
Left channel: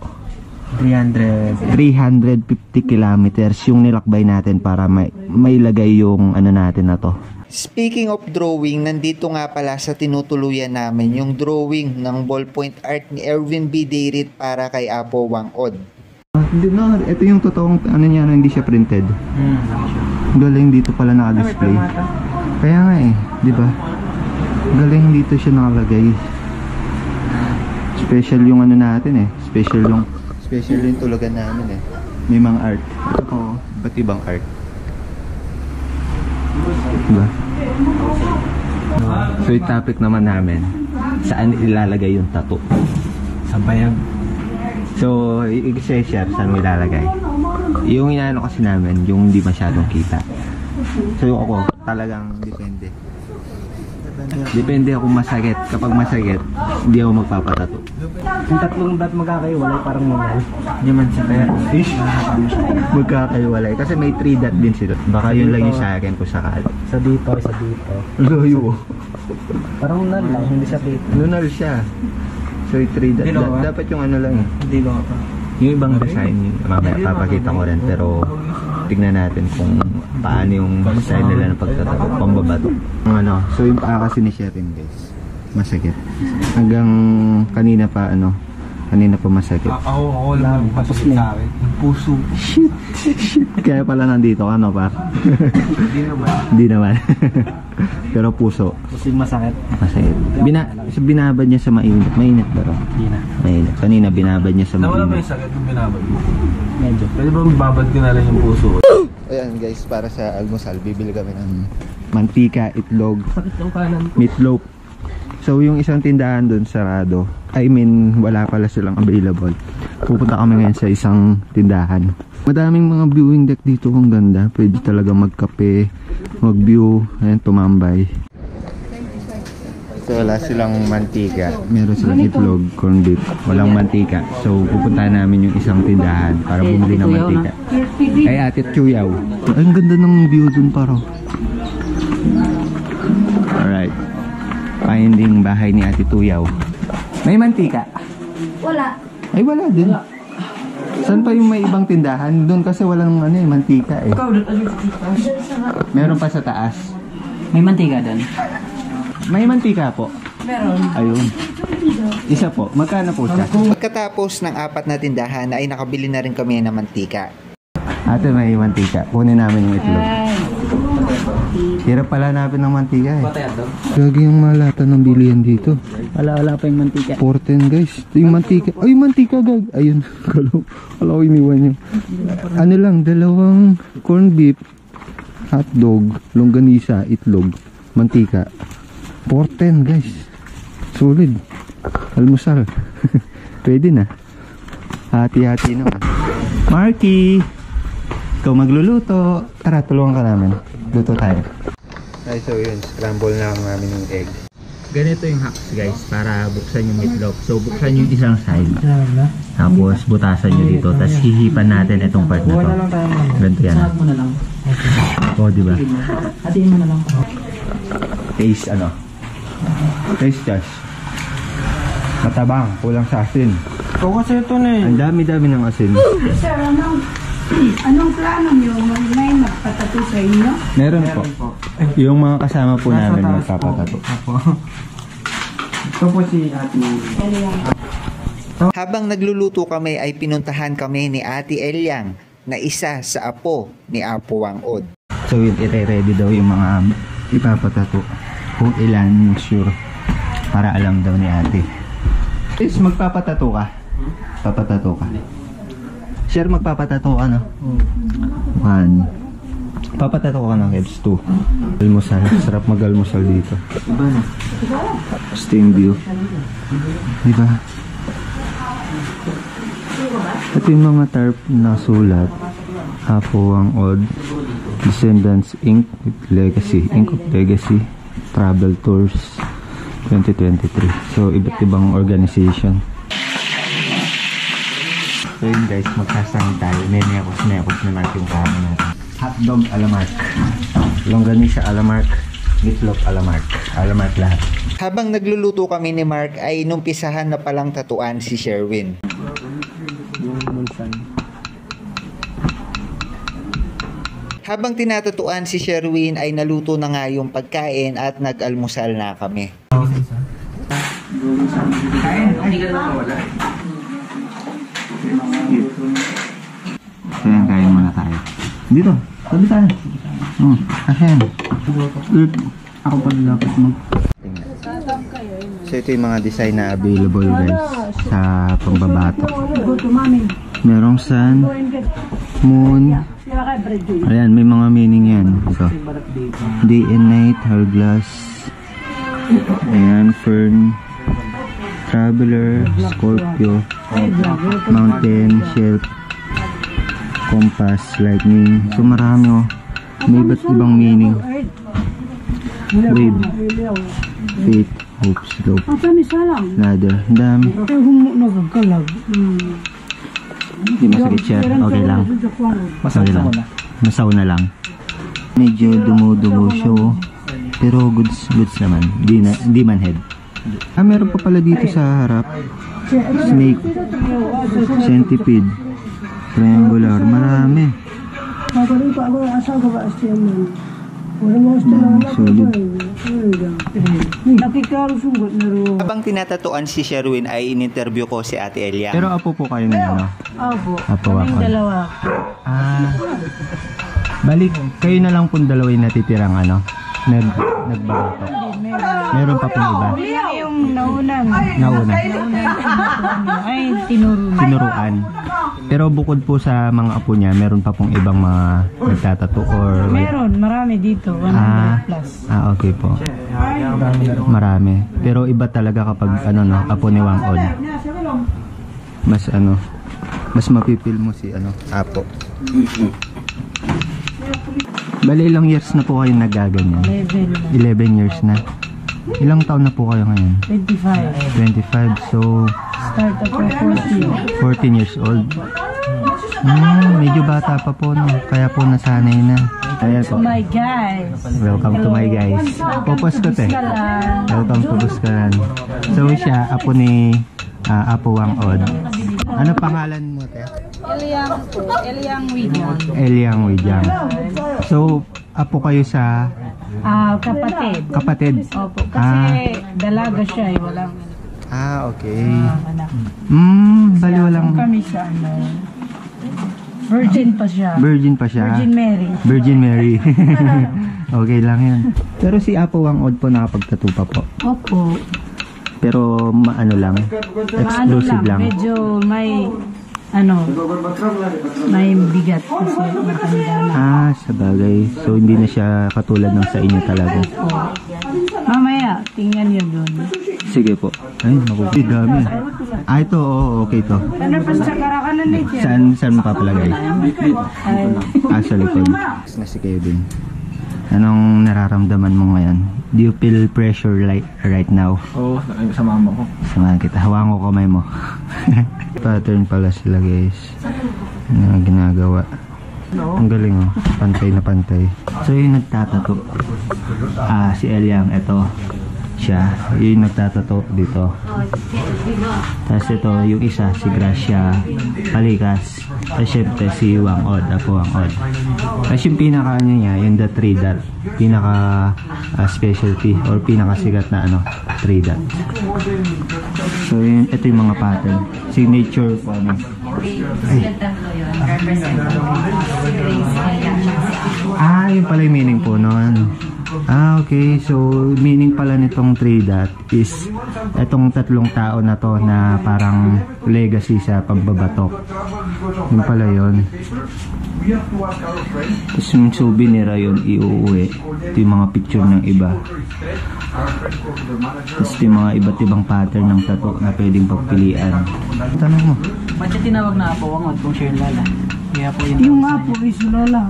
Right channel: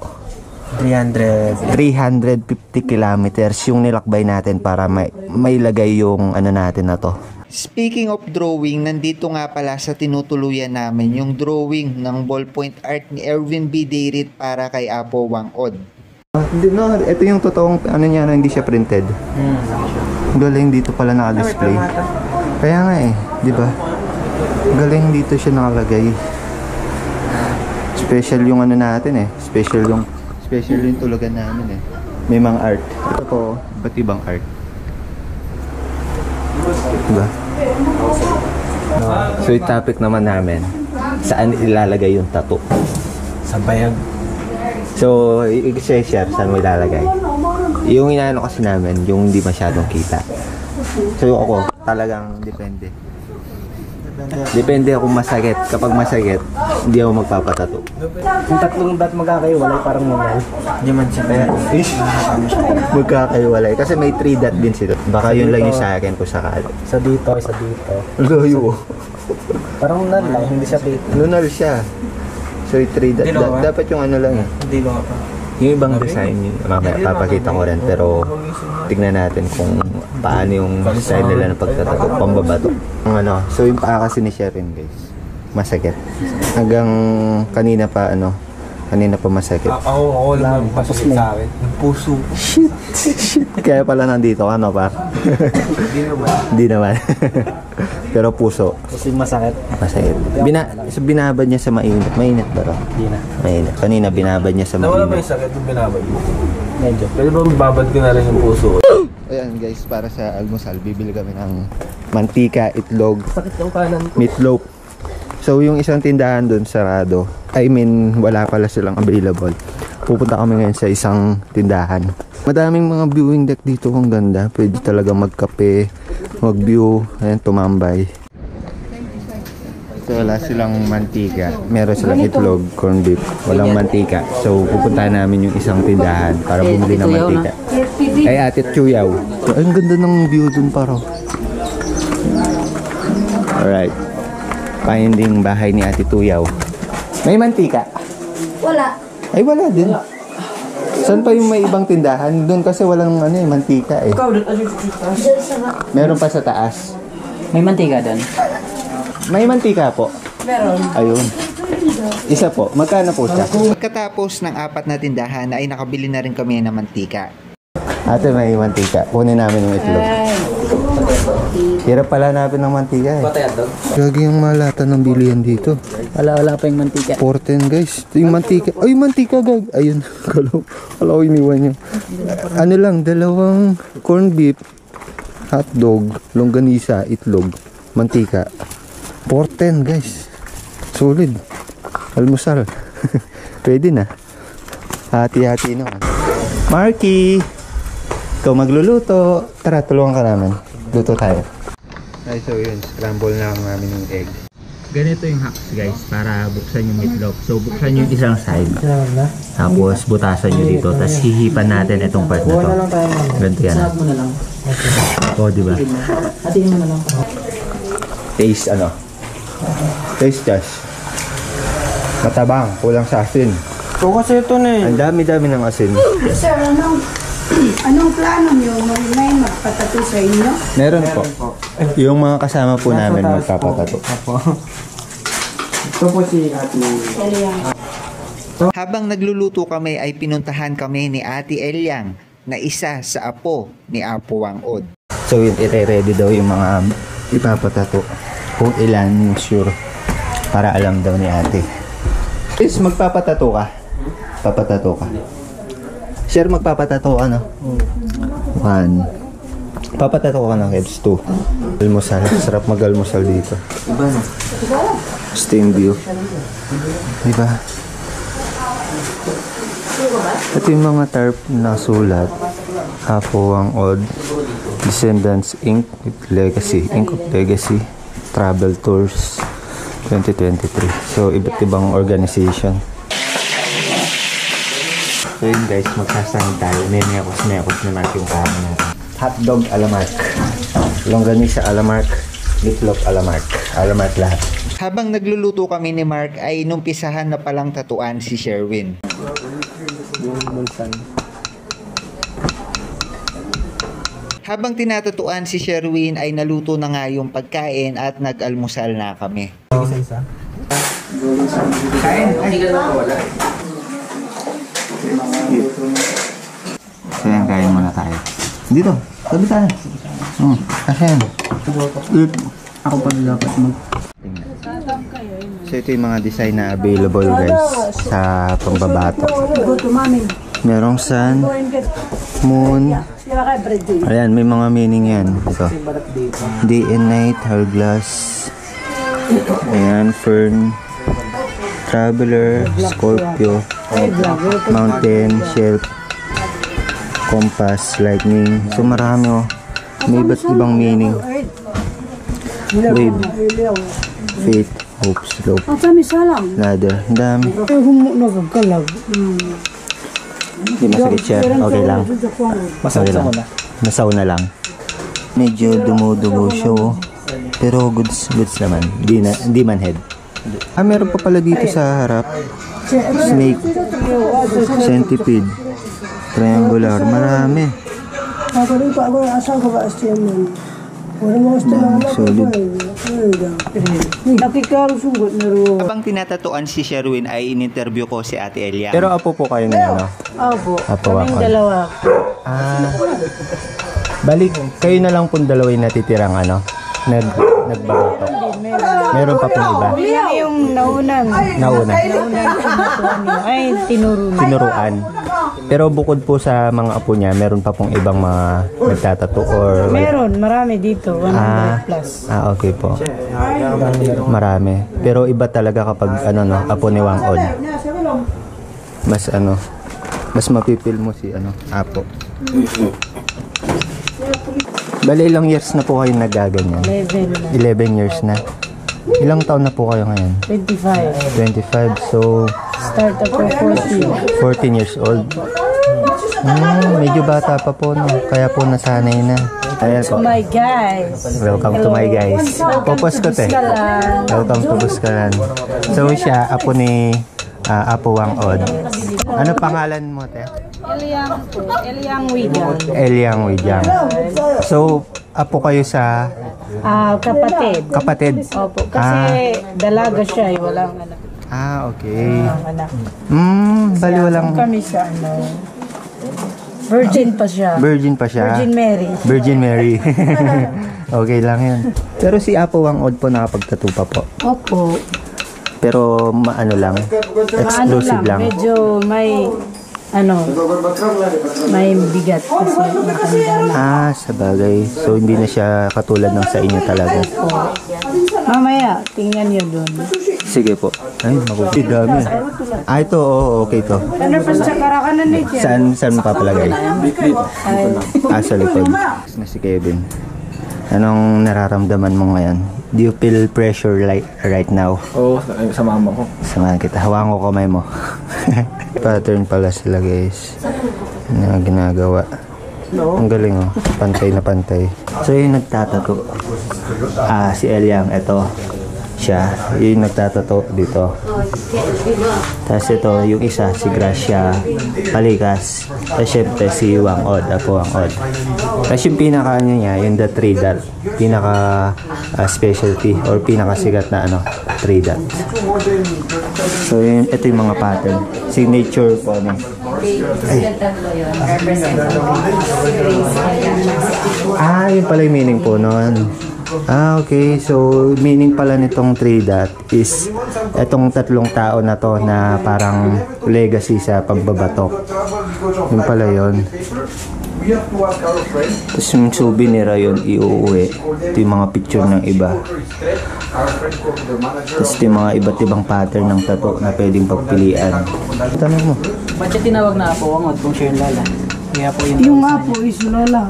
350 kilometers yung nilakbay natin para may lagay yung ano natin na to. Speaking of drawing, nandito nga pala sa tinutuluyan namin yung drawing ng ballpoint art ni Erwin B. Deirit para kay Apo Wangod. No, ito yung totoong ano niya na hindi siya printed. Galing dito pala naka-display. Kaya nga di ba? Galing dito siya nakalagay. Special yung ano natin special yung tulugan namin May mga art. Ito po, iba't ibang art. Diba? So yung topic naman namin, saan ilalagay yung tattoo? Sa bayag. So, i-share saan mo ilalagay. Yung inaano kasi namin, yung hindi masyadong kita. So ako, talagang depende. Depende kung masakit. Kapag masakit, hindi ako magpapatato. Yung tatlong bat magkakaiwalay parang mawal. Hindi man siya kaya. Magkakaiwalay. Kasi may 3 dot din sila. Baka yun lang yung sa akin kung sakali. Isa dito. Layo. Parang nal lang, hindi siya dito. Lunal siya. So yung 3 dot. Dapat yung ano lang Hindi ba pa? Yung ibang design, mamaya papakita ko rin. Pero tignan natin kung paano yung design nila ng pagtatato. Pambabato. So yung paa kasi ni Sherin guys, masakit. Hanggang kanina pa masakit. Ako lang, pasakit sa akin. Yung puso. Shit. Kaya pala nandito ka, no, par? Di naman. Pero puso. Kasi masakit. Masakit. Binabad niya sa mainit. Mainit ba ro? Hindi na. Mainit. Kanina binabad niya sa mainit. Nawala ba yung sakit nung binabad? Medyo. Pwede ba mababad ko na rin yung puso? Ayan guys, para sa almusal, bibili kami ng mantika, itlog, Sakit yung kanan ko. meatloaf. So yung isang tindahan doon sarado. I mean, wala pala silang available. Pupunta kami ngayon sa isang tindahan. Madaming mga viewing deck dito, ang ganda. Pwede talaga magkape, mag-view, ayan, tumambay. So wala silang mantika. Meron silang itlog, corned beef. Walang mantika. So pupuntahan namin yung isang tindahan para bumili ng mantika. Ay, Ate Chuyaw. Ang ganda ng view dun paro. Alright. Finding bahay ni Ate Tuyaw. May mantika? Wala. Ay, wala din. Saan pa yung may ibang tindahan? Doon kasi walang mantika Meron pa sa taas. May mantika doon? May mantika po. Meron. Ayun. Isa po. Magkano po siya? Pagkatapos ng 4 na tindahan ay nakabili na rin kami ng mantika. Ate, may mantika. Kunin namin yung itlog. Hirap pala natin ng mantika Gagi yung malata ng bilihan dito. Wala pa yung mantika. 410 guys. Ito yung mantika. Ay, mantika gag. Ayun. Kala ko iniwan niya. Ano lang, 2 corned beef, hotdog, longganisa, itlog, mantika. 410 guys. Solid. Almusal. Pwede na. Hati-hati naman. Marky! Ikaw magluluto. Tara, tulungan ka namin. Luto tayo. Ay, so yun. Scramble na lang namin yung egg. Ganito yung hacks guys para buksan yung meatloaf. So buksan yung isang side. Tapos butasan nyo dito. Tapos hihipan natin itong part na to. Ganito yan. O, diba? Hatiin mo na lang. Taste Taste Josh. Matabang. Kulang sa asin. So kasi ito na Ang dami-dami ng asin. Sir, anong plano niyo? Marinay magpatato sa inyo? Meron po. Yung mga kasama po namin magpapatato. Ito po si Ate. Habang nagluluto kami ay pinuntahan kami ni Ate Elyang na isa sa apo ni Apo Wangod. So yun, ire-ready daw yung mga ipapatato. Kung ilan, sure. Para alam daw ni ate. Please, magpapatato ka. Papatato ka. Share, magpapatato ka na. 1. Papatato ka ng heads 2. Almusal. Sarap mag-almusal dito. Steam view. Diba? Ito yung mga tarp na sulat. Apo Wangod, Descendants Inc. Legacy. Inc. Legacy. Travel Tours. 2023. So, iba't ibang organization. So yun guys, magsasahod tayo. May mekos naman yung kama natin. Hotdog Alamark. Longganisa Alamark. Meatloaf Alamark. Alamark lahat. Habang nagluluto kami ni Mark ay numpisahan na palang tatuan si Sherwin. Habang tinatatuan si Sherwin ay naluto na nga yung pagkain at nag-almusal na kami. Ayan, kain muna tayo. Dito, tabi tayo. Ayan. Ako pa na dapat mag... So ito yung mga design na available guys sa pambabatok. Merong sun, moon. Ayan, may mga meaning yan. Ito. Day and night, hourglass. Ayan, fern. Traveler, Scorpio. Mountain, shelf. Compass, lightning. So marami oh. May iba't ibang meaning. Wave, faith, hope, slope, ladder. Ang dami. Hindi masakit siya. Okay lang. Okay lang. Masaw na lang. Medyo dumudugo siya oh. Pero goods naman. Di man head. Ah, meron pa pala dito sa harap. Snake, centipede, triangular, marami. Solid. Habang tinatatuan si Sherwin ay in-interview ko si Ate Elia. Pero apo po kayo ngayon, no? Opo. Apo ako. Dalawa. Balik, kayo na lang pong dalawa yung natitirang ano? Nagbabatok. Meron pa pong iba? Yung nauna. Ay, Tinuruan. Pero bukod po sa mga apo niya, meron pa pong ibang mga nagtatato or... meron, marami dito. 100 plus. Okay po. Marami. Pero iba talaga kapag ano no, apo ni Wang Od. Mas mapipil mo si apo. Bali ilang years na po kayo nagaganyan? 11 years na. Ilang taon na po kayo ngayon? 25. So Start ako 14 years old. Medyo bata pa po no. Kaya po nasanay na. Ayan po. my guys. Welcome to my guys. Popos ko te. Welcome to Buskalan. So siya, apo ni Apo Wang Od. Ano pangalan mo te? Eliang Widang. Eliang Widang. So, apo kayo sa Kapatid. kapatid? Opo, kasi dalaga siya, walang anak. Okay. Anak. Bali walang... Kami siya, virgin pa siya. Virgin pa siya? Virgin Mary. Okay lang yan. Pero si Apo Wang Od po nakapagtattoo pa po. Opo. Pero maano lang? Exclusive lang. Medyo may bigat kasi matanda na. Sa bagay. So hindi na siya katulad ng sa inyo talaga. Mamaya, tingnan niyo doon. Sige po. Ay, makukulit. Dami. Ito, okay to. Ano pa sa karakanan ni Saan mo papalagay? Sa likod. Na si Kevin. Anong nararamdaman mo ngayon? Do you feel pressure right now? Oo, sa mama ko. Samahan kita. Hawakan ko kamay mo. Pattern pala sila guys. Na ginagawa. Ang galing oh. Pantay na pantay. So yung nagtatato. Si Eliang. Ito. Siya. Yung nagtatato dito. Tapos ito yung isa. Si Gracia Palikas. Tapos syempre si Wang Od. Apo Wang Od. Tapos yung pinaka niya. Yung the 3 dot. Pinaka specialty or pinakasigat na 3 dot. So yun, ito yung mga pattern. Signature po yun pala yung meaning po nun. Okay. So meaning pala nitong 3 dot is itong tatlong tao na to na parang legacy sa pagbabatok. Yun pala yun. Tapos yung souvenir yun iuuwi. Ito yung mga picture ng iba. Tapos ito yung mga iba't ibang pattern ng tattoo na pwedeng pagpilian. Tanong mo. Ba't siya tinawag na Apo Wang Od kung siya yung lala? Yung Apo is Lola.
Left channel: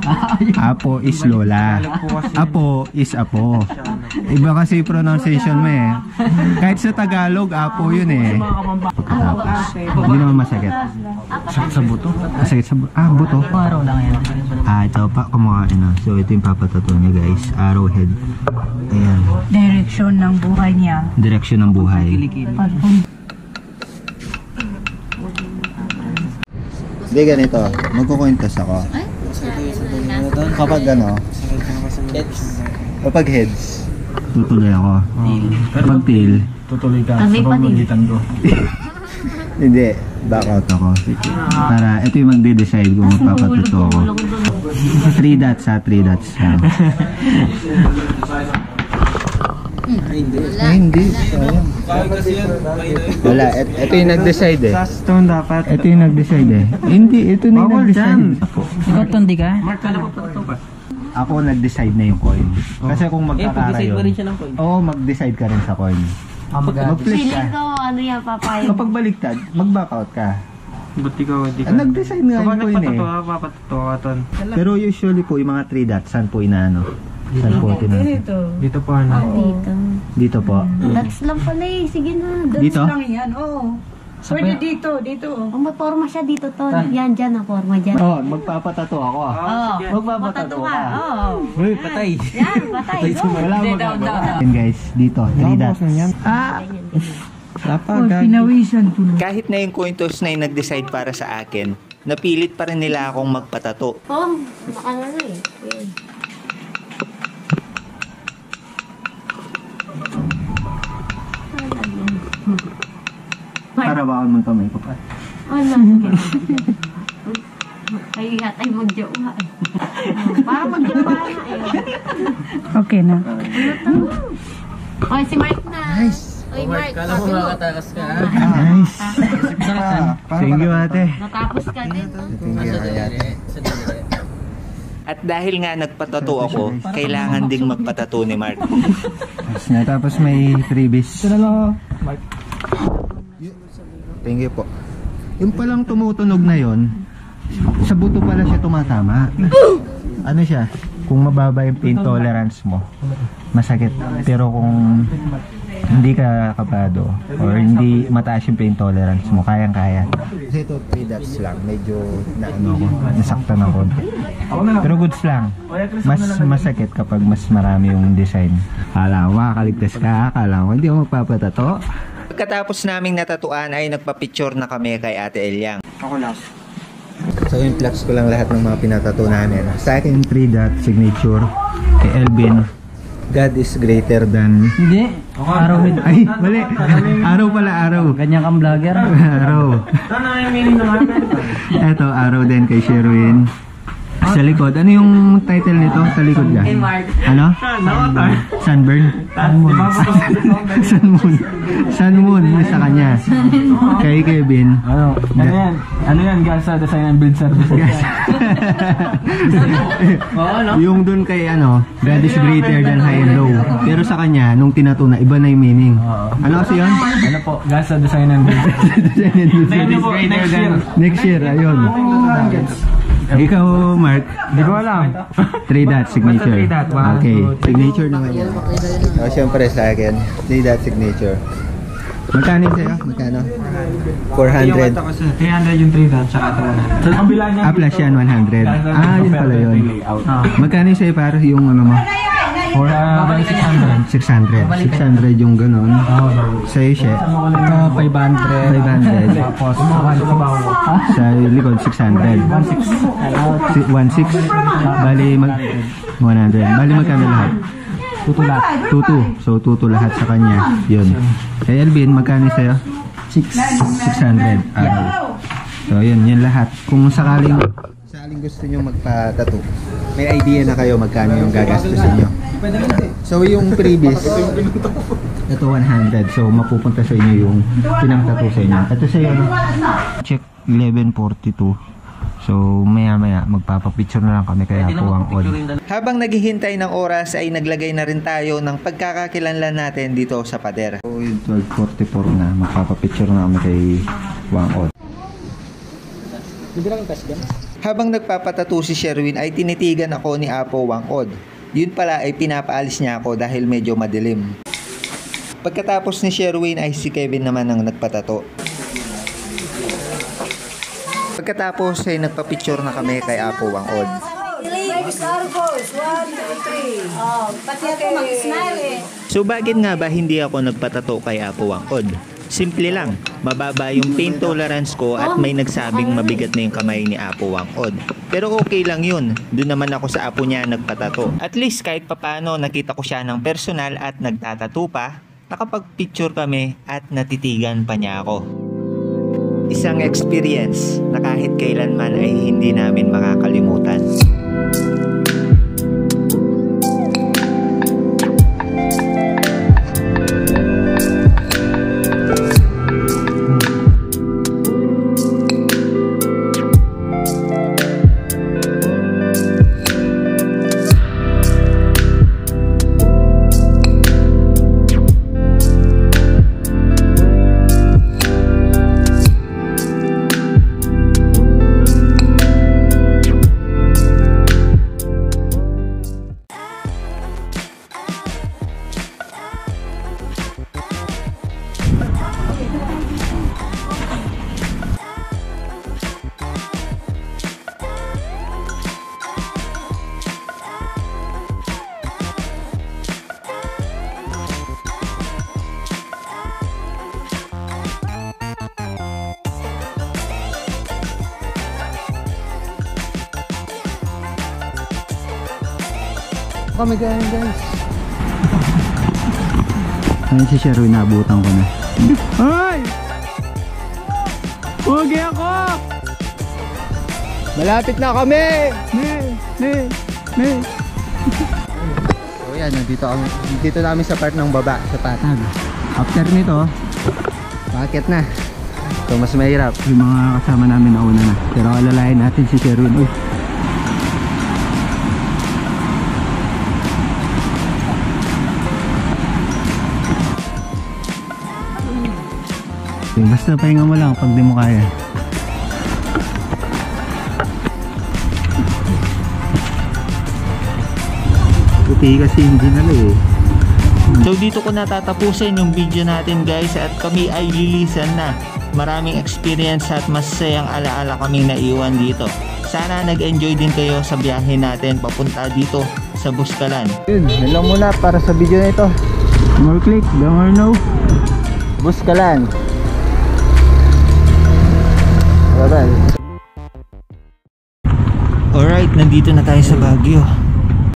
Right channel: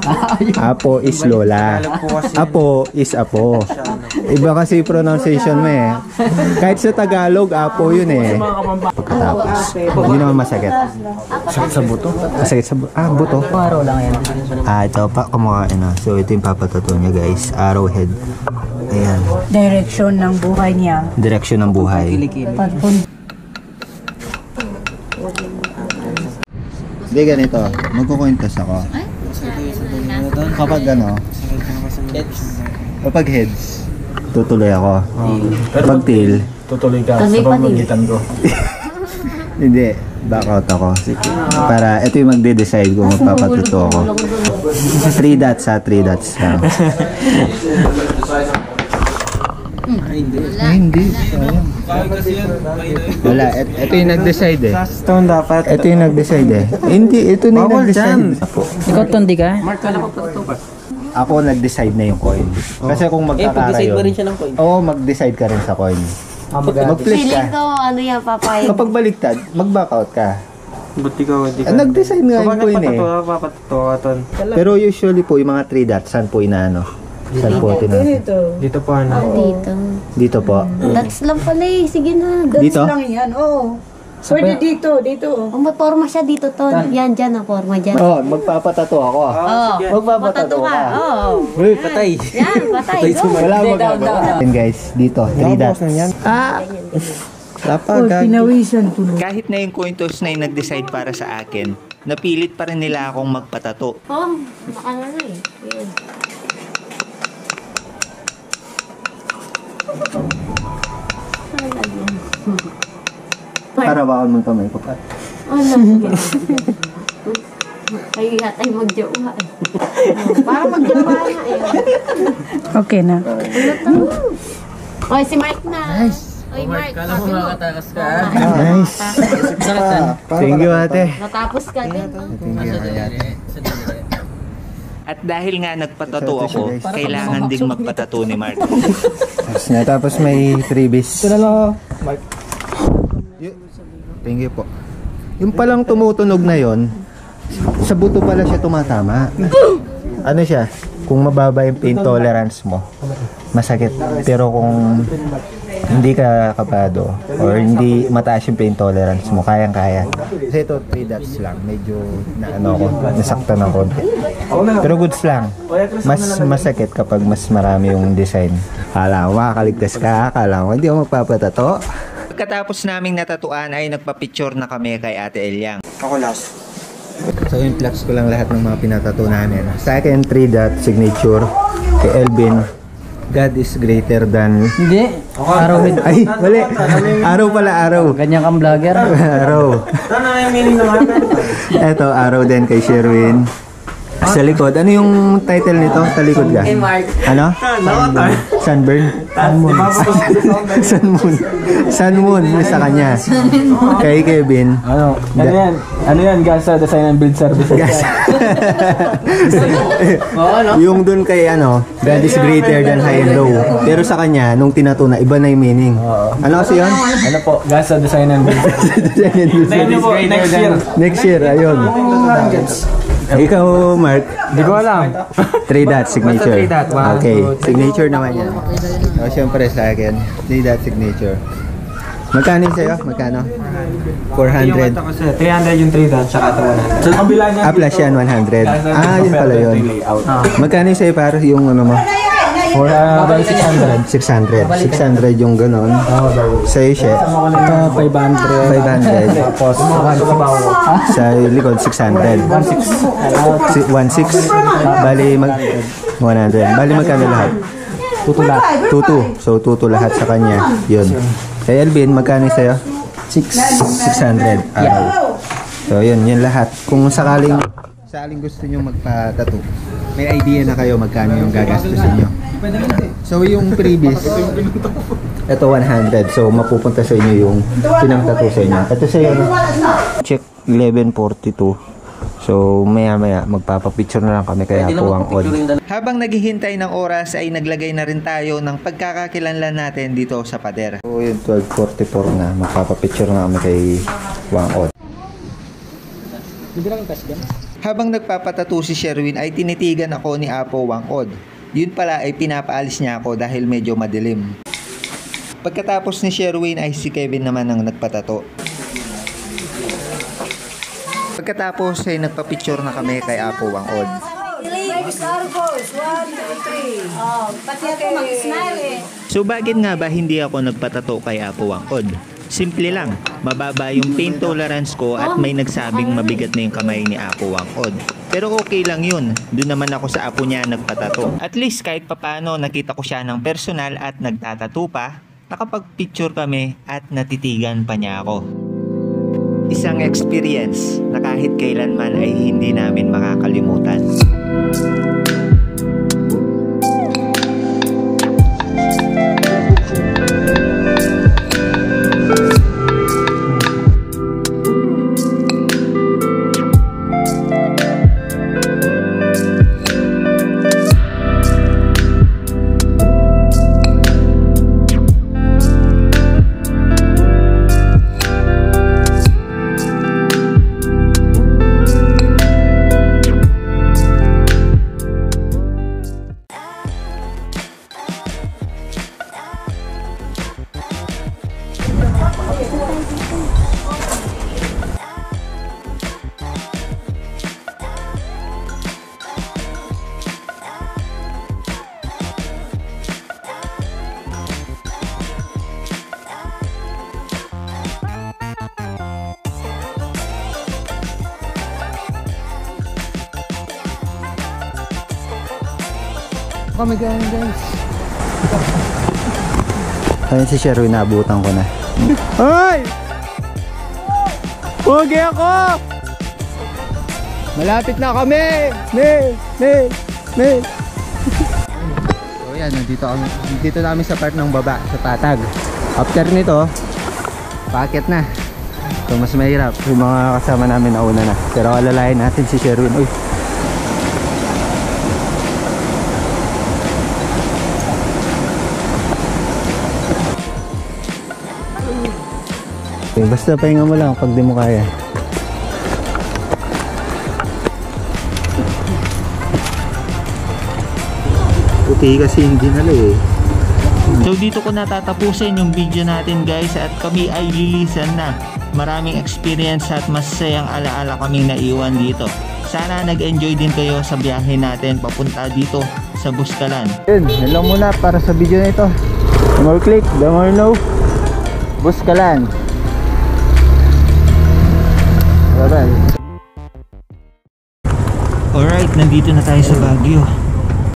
Apo is Lola. Apo is Apo. Iba kasi pronunciation mo eh. Kahit sa Tagalog, apo yun eh. Pagkatapos. Hindi naman masakit. Sakit sa buto? Masakit sa buto? Ah, buto. Araw lang yan. Ito pa, kumakain na. So, ito yung papatato niya guys. Arrowhead. Ayan. Direction ng buhay niya. Direksyon ng buhay. Hindi ganito. Magkukwintas ako. Kapag ano, kapag heads, tutuloy ako. Kapag tail, Tutuloy ka sa pamamagitan ko. hindi, back out ako. Para ito yung magde-decide kung magpapatuto ako. 3 dots ha, 3 dots lang. Ay, hindi. Sayang. Wala, ito yung nag-decide eh. Last turn dapat. Ito yung nag-decide eh. Hindi, ito na yung nag-decide. Ikaw tundi ka? Ako nag-decide na yung coin. Kasi kung magkakara yun. Oo, mag-decide ka rin sa coin. Mag-flip Feeling ka. ko, ano yan, papayag. Kapag baliktad, mag-back out ka. Buti ka, hindi ka. Nag-decide nga yung coin eh. Papatuto ka, ton. Pero usually po, yung mga 3 dots, saan po inaano? Saan po tinatapos? Dito po ano. Dito. Dito po. That's lang pala eh. Sige na. Dito? Lang yan, oo. Pwede dito. Kung may forma siya dito, to. Yan, dyan ang forma dyan. Oh, magpapatato ako. Oo. Magpapatato ka. Oo. Uy, patay. Yan, patay. Wala magagawa. Yan guys, dito, 3 dots. Pinawisan tuloy. Kahit na yung coin toss na yung nag-decide para sa akin, napilit pa rin nila akong magpatato. Oh, baka na eh. Yan. Para baka mong kamay ko pa. Ano? Ay, atay magjawa eh. Para magjawa na eh. Okay na. Oy, si Mike na. Nice. Oy, Mike. Kala mo makatakas ka. Nice. Thank you ate. Natapos ka din, no? At dahil nga nagpatato ako, kailangan ding magpatato ni Mark. Tapos may freebies. Thank you po. Yung palang tumutunog na yon, sa buto pala siya tumatama. Ano siya? Kung mababa yung pain tolerance mo, masakit. Pero kung hindi ka kapado or hindi mataas yung pain tolerance mo, kayang-kaya. Kasi ito 3 dots lang, medyo naano ko, nasaktan ng konti. Pero goods lang. Mas masakit kapag mas marami yung design. Kala ko makakaligtas ka, kala ko hindi ako magpapatato. Pagkatapos naming natatuan ay nagpa-picture na kami kay Ate Elyang. Ako last. So yung flex ko lang lahat ng mga pinatato namin. Sa akin 3 dot signature. Kay Elvin, God is greater than... Hindi. Araw with... Ay, mali. Araw pala, araw. Ganyan kang vlogger. Araw. Ano na yung meaning naman? Eto, araw din kay Sherwin. Sa likod, ano yung title nito? Sa likod ka? Ano? Sunburn? Sun Moon. Sun Moon yung sa kanya. Kay Kevin. Ano? Ano yan? Gasa Design and Build Services. Yung dun kay ano, God is greater than high and low. Pero sa kanya, nung tinatuna, iba na yung meaning. Ano kasi yun? Ano po? Gasa Design and Build Next year. Next year, ayun. Ikaw, Mark. Di ko alam. 3 dot signature. Okay, signature naman yan. O, syempre sa akin, 3 dot signature. Magkano yung sa'yo? Magkano? 400. 300 yung 3 dots, tsaka ito 100. Sa kabila niya. Ah, plus yan, 100. Ah, yun pala yun. Magkano yung sa'yo para yung ano mo? 600. 600. 600 yung ganon. Sa'yo siya. Ito 500. 500. Tapos Sa likod, 600. 1.6. Bali, 100. Bali, magkano lahat? tuto lahat. 2.2. So, 2.2 lahat sa kanya. Yun. Kay Elvin, magkano yung sa'yo? 600. Araw. So, yun. Yun lahat. Kung sakaling gusto nyo magpa-tattoo, may idea na kayo magkano yung gagastusin nyo. So, yung previous, ito 100. So, mapupunta sa inyo yung pinang-tattoo sa inyo. Ito sa inyo, check 1142. So, maya-maya, magpapapicture na lang kami kaya po ang odd. Habang naghihintay ng oras ay naglagay na rin tayo ng pagkakakilanlan natin dito sa pader. So, yung 1244 na, magpapapicture na kami kay Wang Odd. Habang nagpapatato si Sherwin ay tinitigan ako ni Apo Wang Odd. Yun pala ay pinapaalis niya ako dahil medyo madilim. Pagkatapos ni Sherwin ay si Kevin naman ang nagpatato. Pagkatapos ay nagpa-picture na kami kay Apo Wangod. So bakit nga ba hindi ako nagpatato kay Apo Wangod? Simple lang, mababa yung pain tolerance ko at may nagsabing mabigat na yung kamay ni Apo Wangod. Pero okay lang yun, doon naman ako sa apo niya nagpatato. At least kahit papano nakita ko siya ng personal at nagtatato pa, nakapag-picture kami at natitigan pa niya ako. Isang experience na kahit kailanman ay hindi namin makakalimutan. Kami guys. Ayun si Sherwin, naabutan ko na. Hoy! Huwag ako! Malapit na kami! So yan, dito namin sa part ng baba, sa patag. After nito, paakyat na. So mas mahirap, yung mga kasama namin nauna na. Pero alalayan natin si Sherwin. Uy! Basta pahinga mo lang pag di mo kaya. Puti kasi hindi nala eh. So dito ko natatapusin yung video natin guys at kami ay lilisan na. Maraming experience at masayang alaala kaming naiwan dito. Sana nag-enjoy din kayo sa biyahe natin papunta dito sa Buskalan. Yun, yun lang muna para sa video na ito. The more click, the more know. Buskalan. Alright, nandito na tayo sa Baguio.